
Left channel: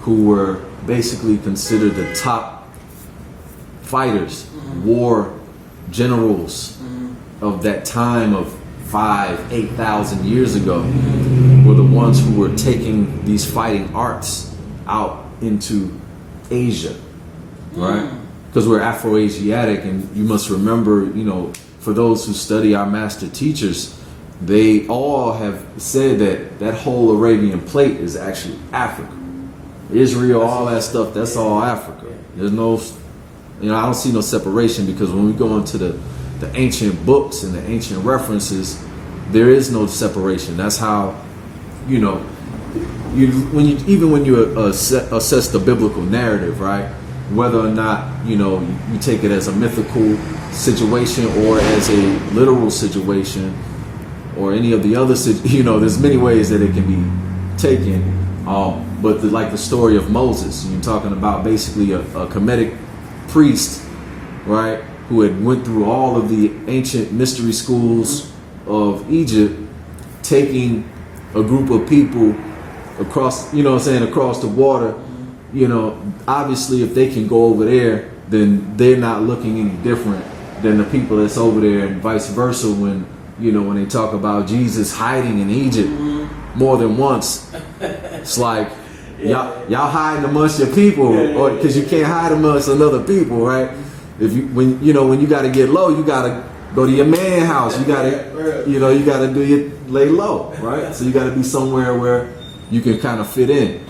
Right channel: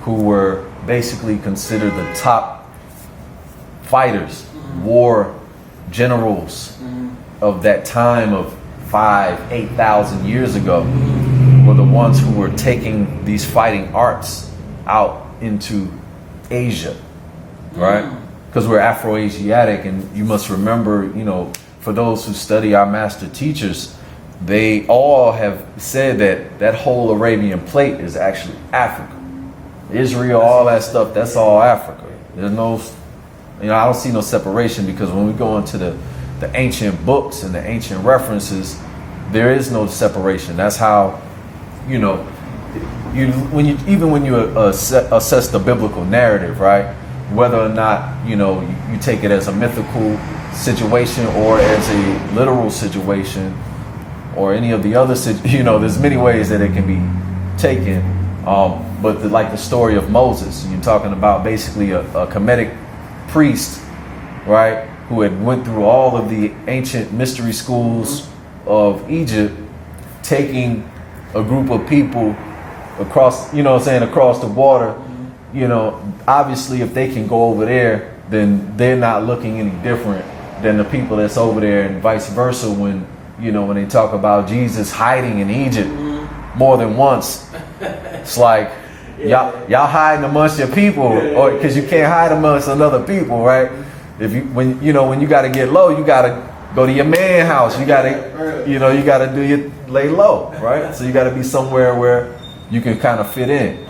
who were basically considered the top fighters, war generals of that time of 8,000 years ago, were the ones who were taking these fighting arts out into Asia, right? Because we're Afro-Asiatic, and you must remember, you know, for those who study our master teachers, they all have said that that whole Arabian plate is actually Africa. Israel, all that stuff, that's all Africa. There's no, you know, I don't see no separation, because when we go into the ancient books and the ancient references, there is no separation. That's how, you know, even when you assess the biblical narrative, right? Whether or not, you know, you take it as a mythical situation or as a literal situation, or any of the other, you know, there's many ways that it can be taken. But like the story of Moses, you're talking about basically a Kemetic priest, right, who had went through all of the ancient mystery schools of Egypt, taking a group of people across, you know what I'm saying, across the water. You know, obviously if they can go over there, then they're not looking any different than the people that's over there, and vice versa. When, you know, when they talk about Jesus hiding in Egypt more than once, it's like, y'all hiding amongst your people, or because you can't hide amongst another people, right? If you, when you got to get low, you got to go to your man house. You got to, you know, you got to lay low, right? So you got to be somewhere where you can kind of fit in.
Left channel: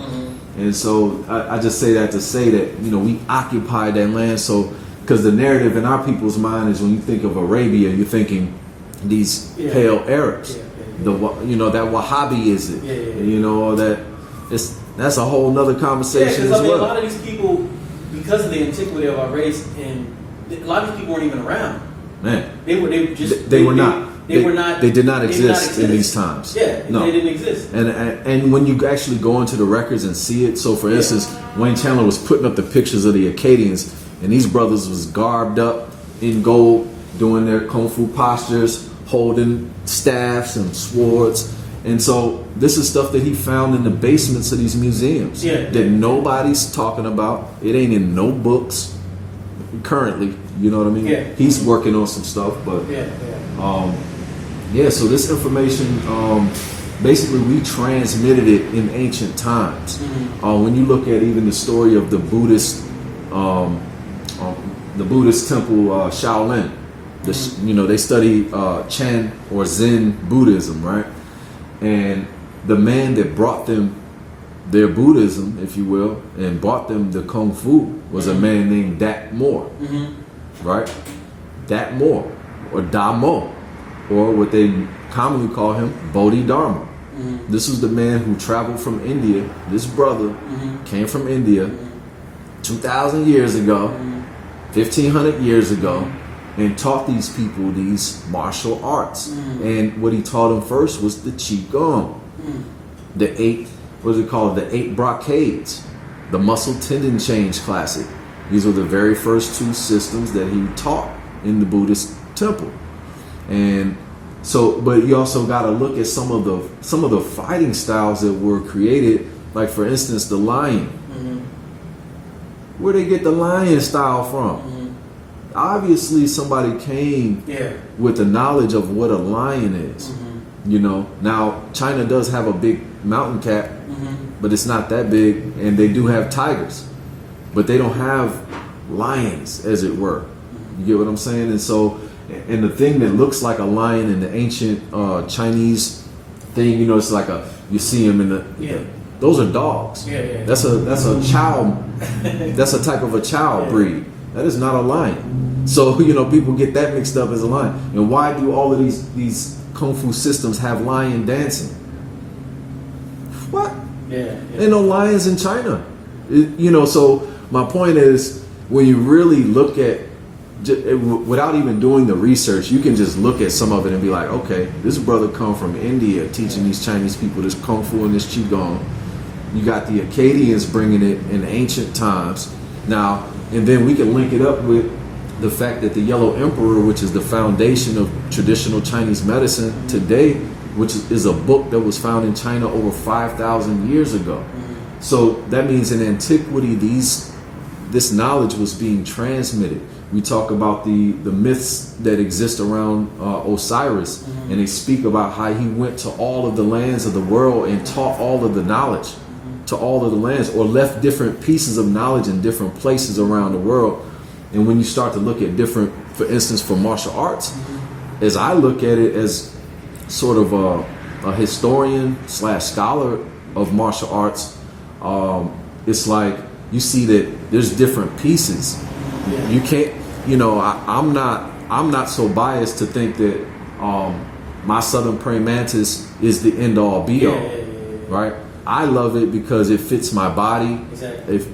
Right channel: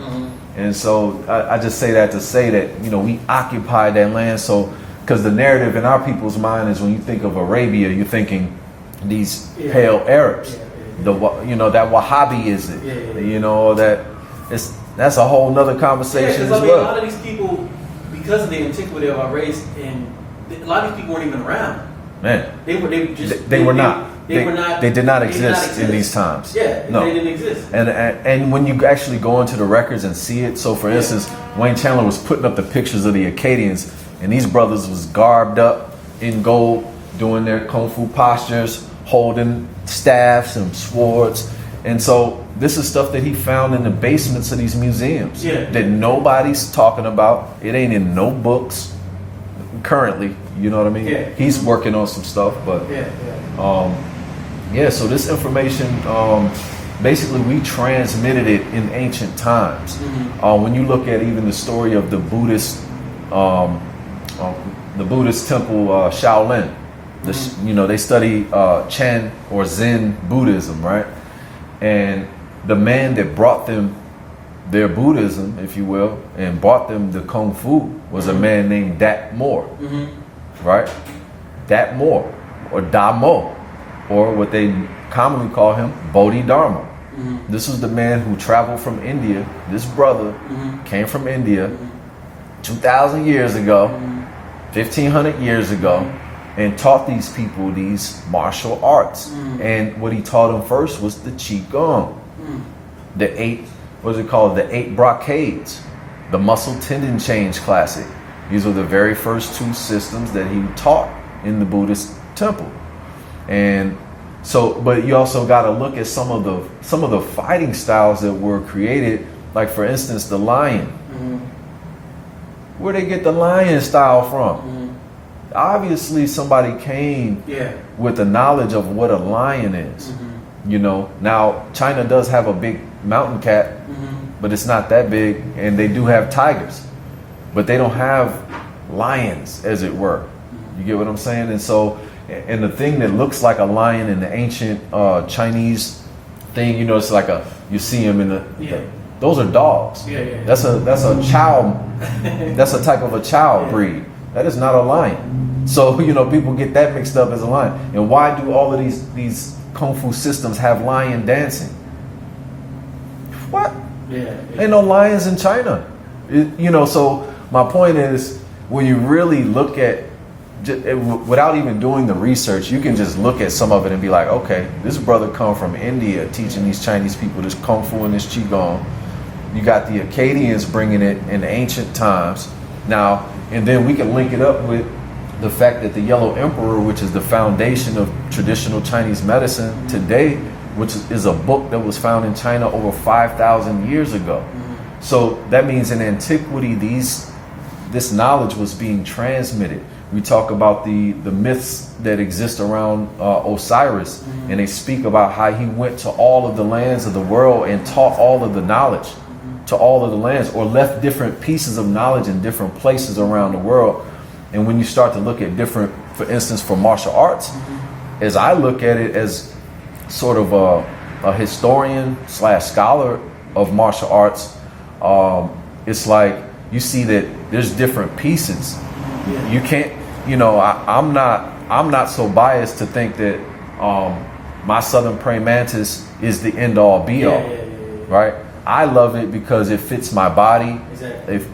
And so I just say that to say that, you know, we occupy that land. So, because the narrative in our people's mind is, when you think of Arabia, you're thinking these pale Arabs, you know, that Wahhabi is it, you know, that's a whole nother conversation. Yeah, because I mean, a lot of these people, because of the antiquity of our race, and a lot of these people weren't even around. Man, they were not. They did not exist in these times. Yeah, no. They didn't exist. And when you actually go into the records and see it, so for instance, Wayne Chandler was putting up the pictures of the Akkadians, and these brothers was garbed up in gold, doing their kung fu postures, holding staffs and swords. And so this is stuff that he found in the basements of these museums that nobody's talking about. It ain't in no books currently. You know what I mean? Yeah. He's working on some stuff, but so this information, basically we transmitted it in ancient times. When you look at even the story of the Buddhist temple Shaolin, you know, they study Chan or Zen Buddhism, right? And the man that brought them their Buddhism, if you will, and brought them the Kung Fu was a man named Dat Moore, right? Dat Moore, or Da Mo, or what they commonly call him, Bodhidharma. This was the man who traveled from India. This brother came from India 2,000 years ago, 1,500 years ago, and taught these people these martial arts. And what he taught them first was the qigong, the 8 brocades, the muscle tendon change classic. These were the very first 2 systems that he taught in the Buddhist temple. And so, but you also got to look at some of the fighting styles that were created, like for instance the lion. Where they get the lion style from? Obviously somebody came with the knowledge of what a lion is. You know, now China does have a big mountain cat, but it's not that big, and they do have tigers, but they don't have lions, as it were. You get what I'm saying? And so, and the thing that looks like a lion in the ancient Chinese thing, you know, it's like you see them in the those are dogs. That's a chow. That's a type of a chow breed. That is not a lion. So, you know, people get that mixed up as a lion. And why do all of these kung fu systems have lion dancing? What? Ain't no lions in China. You know, so my point is, when you really look at, without even doing the research, you can just look at some of it and be like, okay, this brother come from India teaching these Chinese people this kung fu and this qigong. You got the Akkadians bringing it in ancient times. Now, and then we can link it up with the fact that the Yellow Emperor, which is the foundation of traditional Chinese medicine today, which is a book that was found in China over 5,000 years ago. So that means in antiquity, this knowledge was being transmitted. We talk about the myths that exist around Osiris, and they speak about how he went to all of the lands of the world and taught all of the knowledge. to all of the lands, or left different pieces of knowledge in different places around the world. And when you start to look at different, for instance, for martial arts, as I look at it as sort of a historian / scholar of martial arts, it's like you see that there's different pieces. Yeah. You can't, you know, I'm not so biased to think that my southern praying mantis is the end all be all, right? I love it because it fits my body. Exactly. If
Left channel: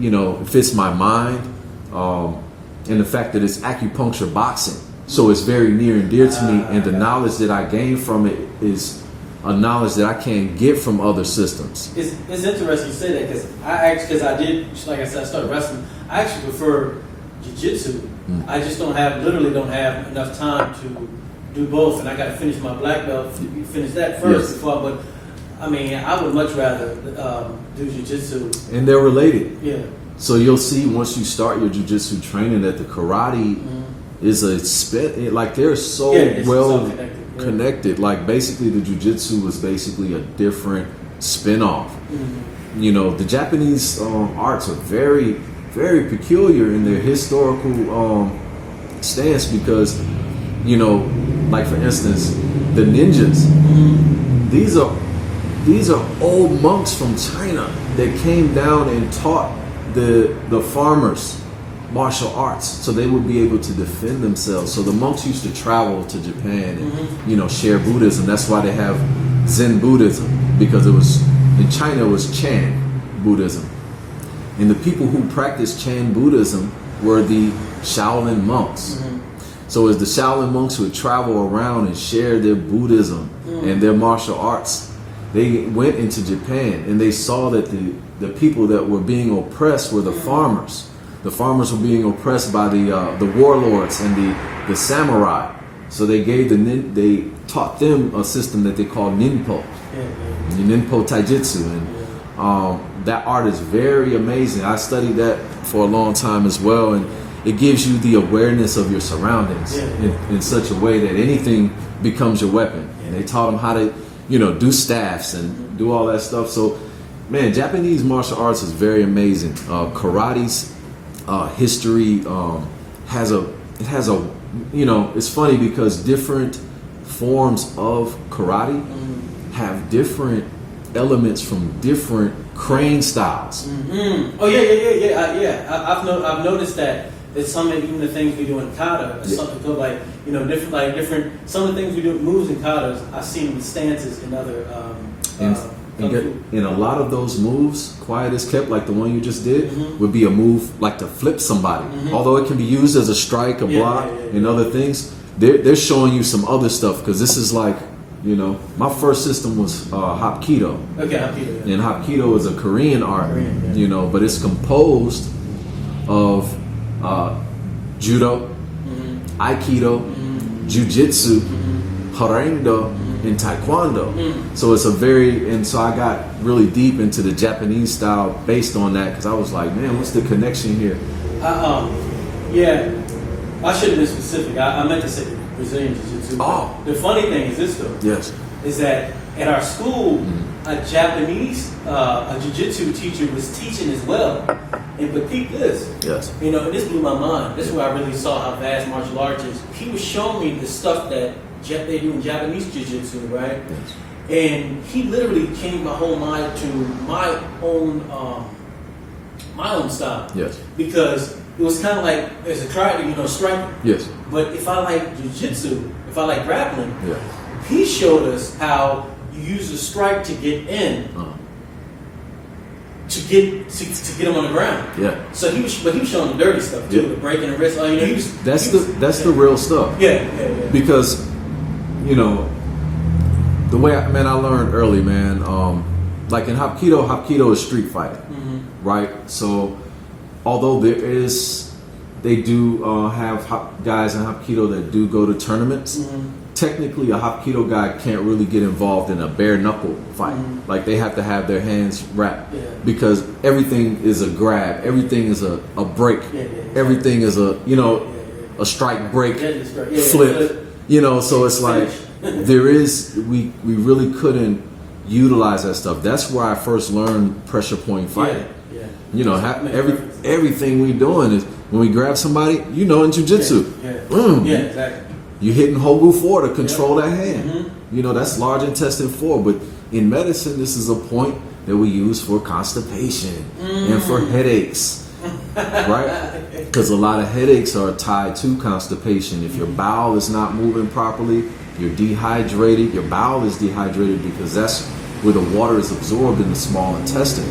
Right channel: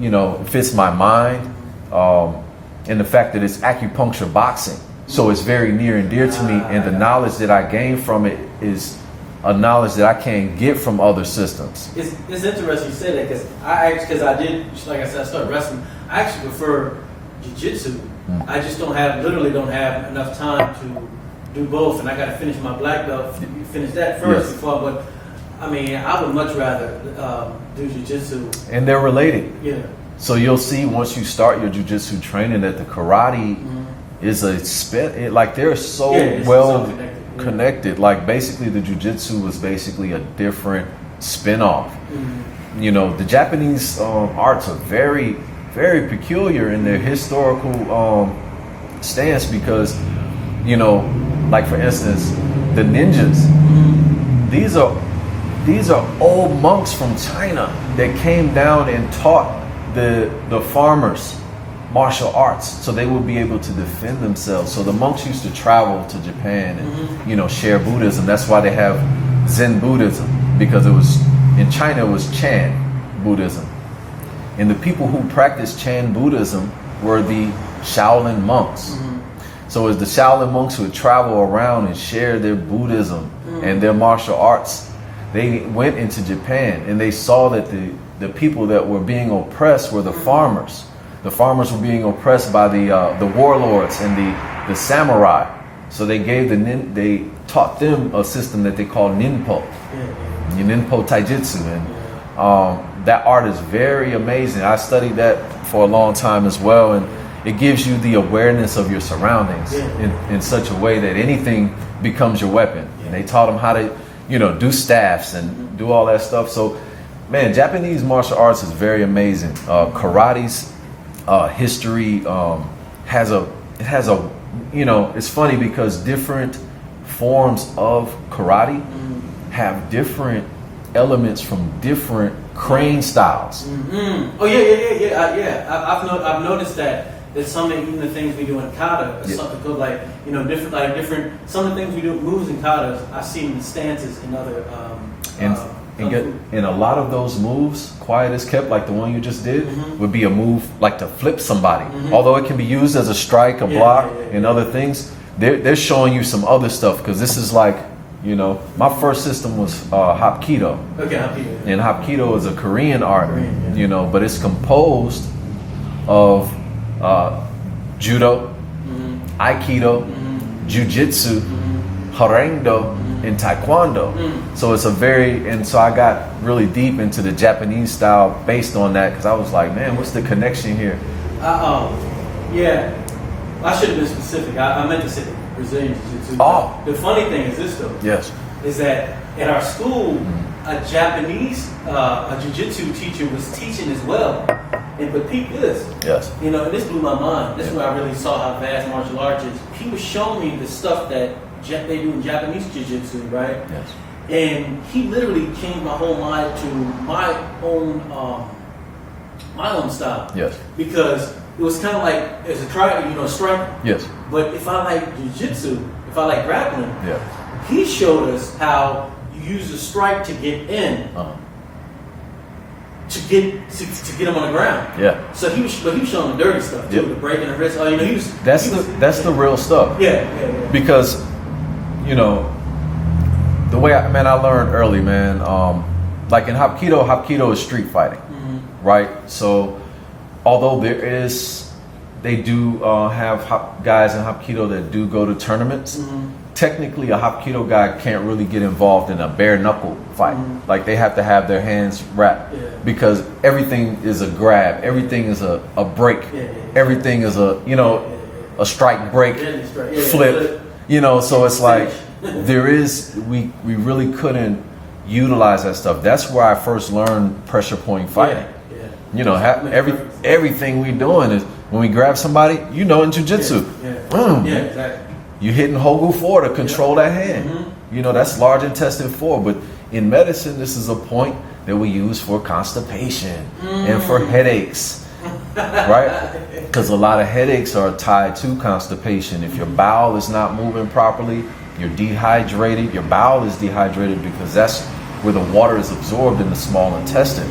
you know, it fits my mind, and the fact that it's acupuncture boxing, so it's very near and dear to me. And the knowledge that I gain from it is a knowledge that I can't get from other systems. It's interesting you say that because I did, like I said, I started wrestling. I actually prefer jiu-jitsu. I just literally don't have enough time to do both, and I got to finish my black belt, finish that first before. But I mean, I would much rather do jiu-jitsu. And they're related. Yeah. So you'll see once you start your jiu-jitsu training that the karate is a spin. Like they're so well connected. Like basically the jiu-jitsu was basically a different spin-off. You know, the Japanese arts are very, very peculiar in their historical stance because, you know, like for instance, the ninjas. These are old monks from China that came down and taught the farmers martial arts, so they would be able to defend themselves. So the monks used to travel to Japan and you know, share Buddhism. That's why they have Zen Buddhism, because it was in China it was Chan Buddhism, and the people who practiced Chan Buddhism were the Shaolin monks. So as the Shaolin monks would travel around and share their Buddhism and their martial arts, they went into Japan and they saw that the people that were being oppressed were the farmers. The farmers were being oppressed by the warlords and the samurai. So they taught them a system that they call ninpo, ninpo taijitsu, and that art is very amazing. I studied that for a long time as well, and it gives you the awareness of your surroundings in such a way that anything becomes your weapon. And they taught them how to, you know, do staffs and do all that stuff. So, man, Japanese martial arts is very amazing. Karate's history has a, you know, it's funny because different forms of karate have different elements from different crane styles. Oh yeah. I've noticed that. It's some of even the things we do in kata, something good, like, you know, different. Some of the things we do moves in kata, I've seen in stances in other. In a lot of those moves, quiet as kept, like the one you just did, would be a move like to flip somebody. Although it can be used as a strike, a block, and other things. They're showing you some other stuff, because this is like, you know, my first system was Hapkido. Okay, Hapkido. And Hapkido is a Korean art, you know, but it's composed of judo, aikido, jiu-jitsu, harengdo, and taekwondo. So it's so I got really deep into the Japanese style based on that, because I was like, man, what's the connection here? I should have been specific. I meant to say Brazilian jiu-jitsu. Oh. The funny thing is this, though. Yes. Is that at our school, a Japanese a jiu-jitsu teacher was teaching as well. But peep this. Yes. You know, and this blew my mind. This is where I really saw how vast martial arts is. He was showing me the stuff that they do in Japanese jiu-jitsu, right? Yes. And he literally changed my whole mind to my own style. Yes. Because it was kind of like, as a try, you know, striking. Yes. But if I like jiu-jitsu, if I like grappling, he showed us how you use the strike to get in. To get them on the ground. Yeah. So he was showing the dirty stuff too, the breaking the wrist. You know, that's the real stuff. Yeah. Because, you know, the way I learned early, man. Like in Hapkido is street fighting, right? So, although they do have guys in Hapkido that do go to tournaments. Technically, a Hapkido guy can't really get involved in a bare knuckle fight. Like they have to have their hands wrapped because everything is a grab, everything is a break, everything is a strike, break, flip. You know, so it's like we really couldn't utilize that stuff. That's where I first learned pressure point fighting. Yeah. You know, everything we doing is when we grab somebody, you know, in jiu-jitsu. Yeah, exactly. You're hitting Hogu 4 to control that hand. Mm-hmm. You know, that's large intestine 4. But in medicine, this is a point that we use for constipation and for headaches, right? Because a lot of headaches are tied to constipation. If your bowel is not moving properly, you're dehydrated. Your bowel is dehydrated because that's where the water is absorbed in the small intestine.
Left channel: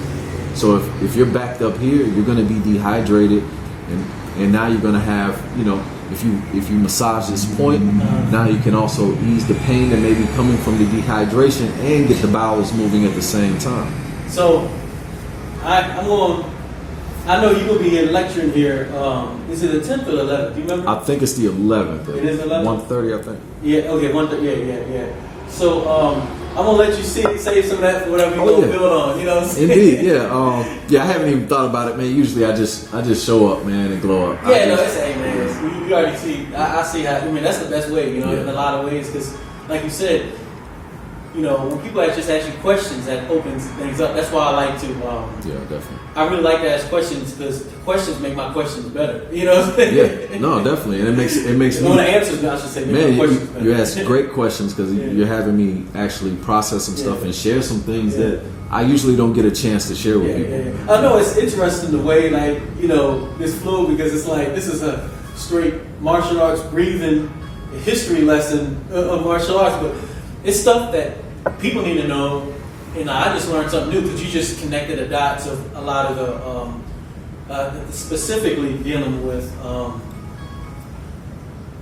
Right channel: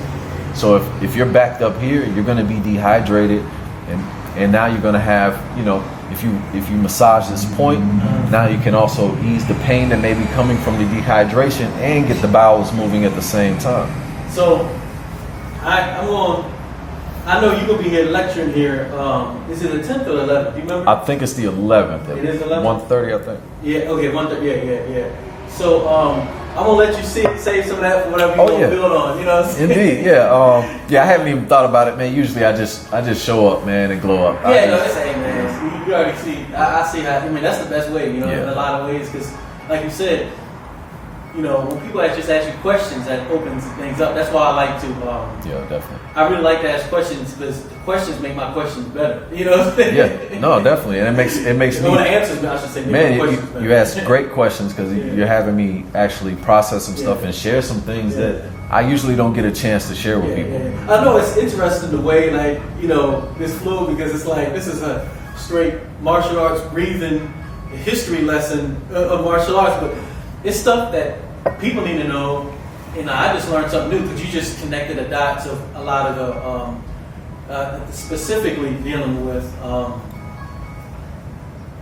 So if you're backed up here, you're going to be dehydrated, and now you're going to have, you know, if you massage this point, now you can also ease the pain that may be coming from the dehydration and get the bowels moving at the same time. So I know you're going to be here lecturing here. Is it the 10th or the 11th? Do you remember? I think it's the 11th. It is the 11th? 1:30, I think. Yeah, okay, 1:30, yeah. So I'm gonna let you save some of that for whatever you're gonna build on. You know what I'm saying? Indeed, yeah. I haven't even thought about it, man. Usually, I just show up, man, and glow up. Man. You already see. I see how. I mean, that's the best way. You know, in a lot of ways, because, like you said, you know, when people just ask you questions, that opens things up. That's why I like to. Definitely. I really like to ask questions because questions make my questions better. You know what I'm saying? Yeah, no, definitely, and it makes me. When I answer, I should say, make my questions better. You ask great questions because you're having me actually process some stuff and share some things that I usually don't get a chance to share with people. I know it's interesting the way, like, you know, this flow, because it's like this is a straight martial arts breathing history lesson of martial arts, but it's stuff that people need to know. And I just learned something new because you just connected the dots of a lot of the, specifically dealing with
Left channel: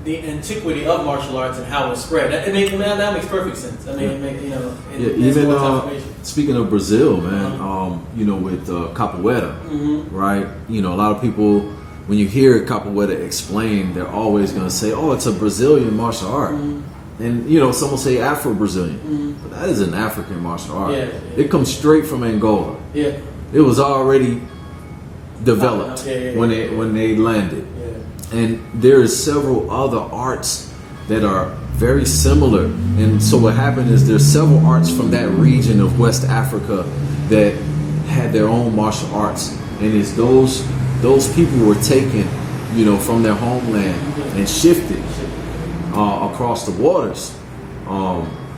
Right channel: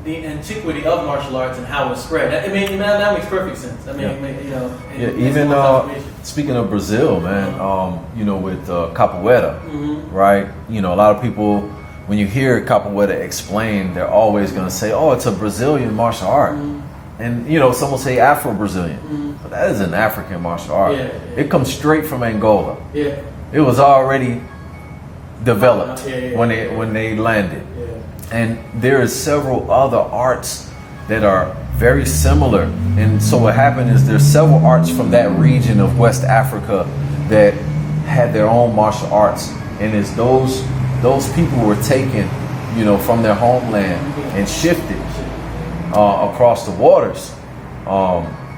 the antiquity of martial arts and how it spread. I mean, that makes perfect sense. I mean, you know, even speaking of Brazil, man, you know, with capoeira, right? You know, a lot of people, when you hear capoeira explained, they're always going to say, "Oh, it's a Brazilian martial art." And, you know, some will say Afro-Brazilian. But that is an African martial art. It comes straight from Angola. It was already developed when they landed. And there is several other arts that are very similar. And so what happened is there's several arts from that region of West Africa that had their own martial arts. And as those people were taken, you know, from their homeland and shifted across the waters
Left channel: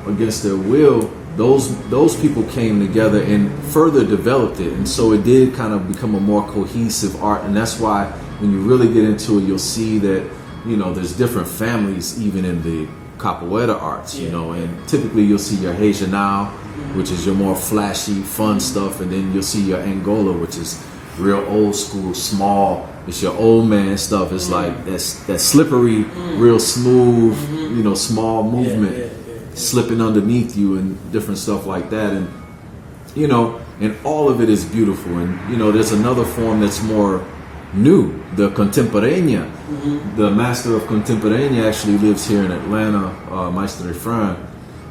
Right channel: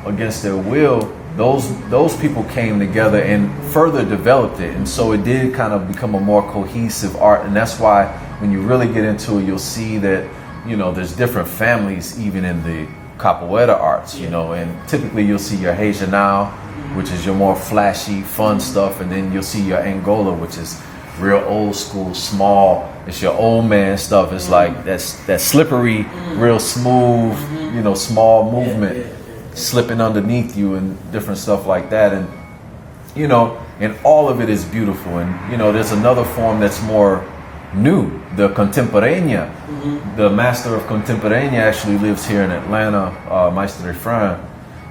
against their will, those people came together and further developed it, and so it did kind of become a more cohesive art. And that's why when you really get into it, you'll see that, you know, there's different families even in the capoeira arts, you know, and typically you'll see your Regional, which is your more flashy, fun stuff, and then you'll see your Angola, which is real old school, small. It's your old man stuff. It's like that slippery, real smooth, you know, small movement, slipping underneath you and different stuff like that. And, you know, and all of it is beautiful. And, you know, there's another form that's more new, the contemporánea. The master of contemporánea actually lives here in Atlanta, Maestro Efrain.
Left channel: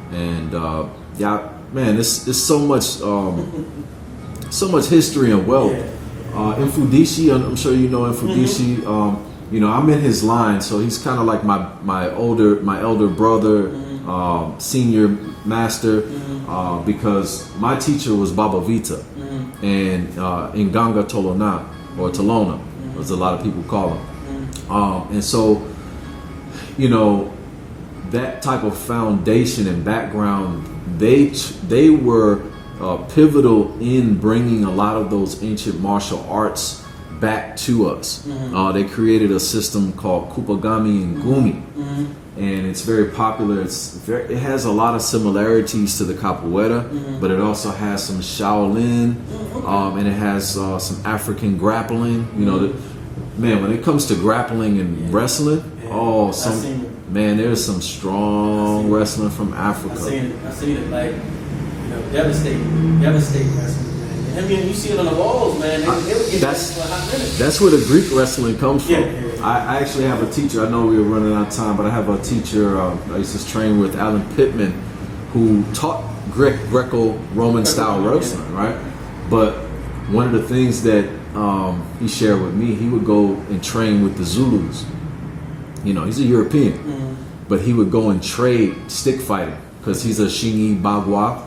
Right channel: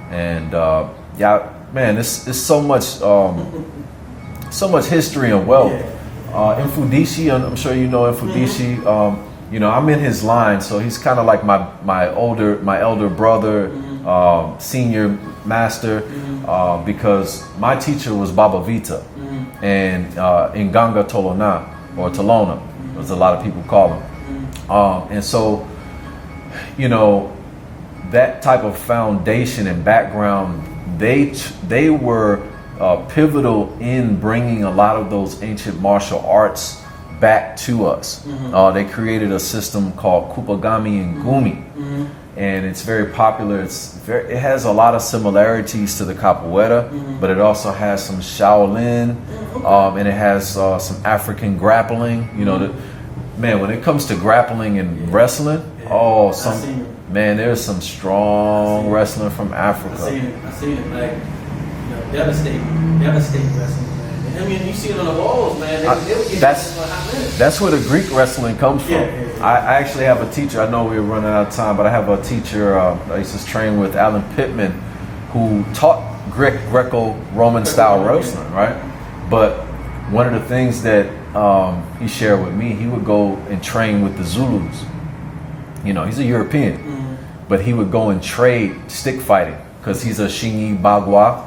And, man, it's so much history and wealth. Mfudishi, I'm sure you know Mfudishi. You know, I'm in his line, so he's kind of like my elder brother, senior master, because my teacher was Baba Vita, and in Ganga Tolona, or Tolona, as a lot of people call him. And so, you know, that type of foundation and background, they were pivotal in bringing a lot of those ancient martial arts back to us. They created a system called Kupagami and Gumi, and it's very popular. It has a lot of similarities to the capoeira, but it also has some Shaolin, and it has some African grappling. You know, man, when it comes to grappling and wrestling, there's some strong wrestling from Africa. I seen it, like, devastating wrestling, man. I mean, you see it on the walls, man. They would get for a hot minute. That's where the Greek wrestling comes from. I actually have a teacher. I know we were running out of time, but I have a teacher I used to train with, Alan Pittman, who taught Greco-Roman style wrestling, right? But one of the things that he shared with me, he would go and train with the Zulus. You know, he's a European, but he would go and trade stick fighting because he's a Shingi Bagua.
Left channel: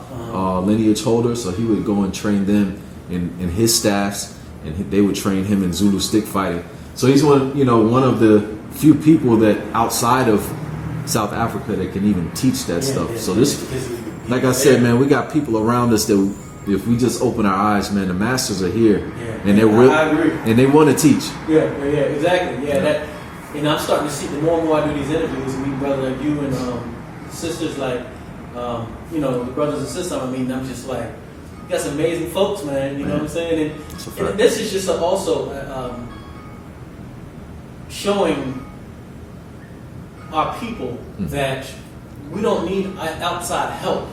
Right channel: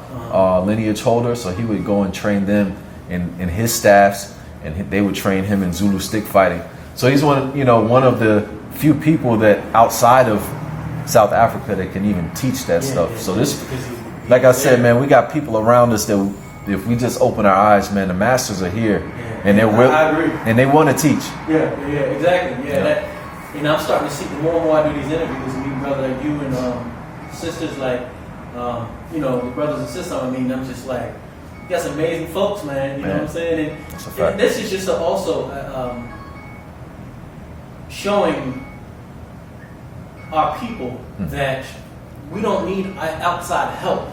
lineage holder, so he would go and train them in his staffs, and they would train him in Zulu stick fighting. So he's one of the few people that outside of South Africa that can even teach that stuff. So this, like I said, man, we got people around us that if we just open our eyes, man, the masters are here, and they're I agree, and they want to teach. Yeah, exactly. That, I'm starting to see the more and more I do these interviews and meet brothers like you and sisters like, the brothers and sisters I mean, I'm just like, you got some amazing folks, man. You know what I'm saying? And this is just also showing our people that we don't need outside help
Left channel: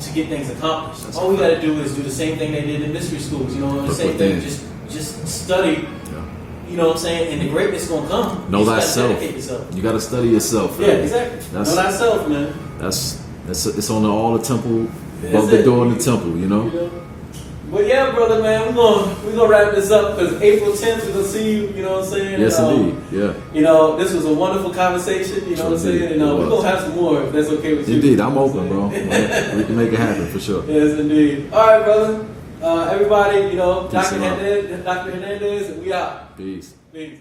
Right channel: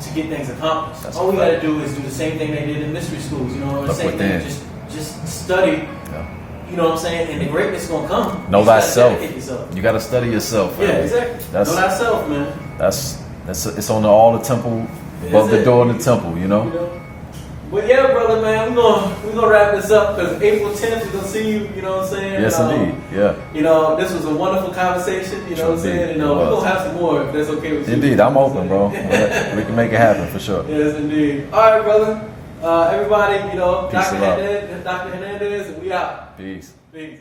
to get things accomplished. All we got to do is do the same thing they did in mystery schools. The same thing. Just study. You know what I'm saying? And the greatness is gonna come. Know thyself. You got to study yourself. Yeah, exactly. Know thyself, man. It's on all the temple, above the door of the temple. But yeah, brother, man, we're gonna wrap this up because April 10th we're gonna see you. You know what I'm saying? Yes, indeed. Yeah. This was a wonderful conversation. You know what I'm saying? And we're gonna have some more if that's okay with you. Indeed, I'm open, bro. We can make it happen for sure. Yes, indeed. All right, brother. Everybody, Dr. Hernandez, and we out. Peace. Peace.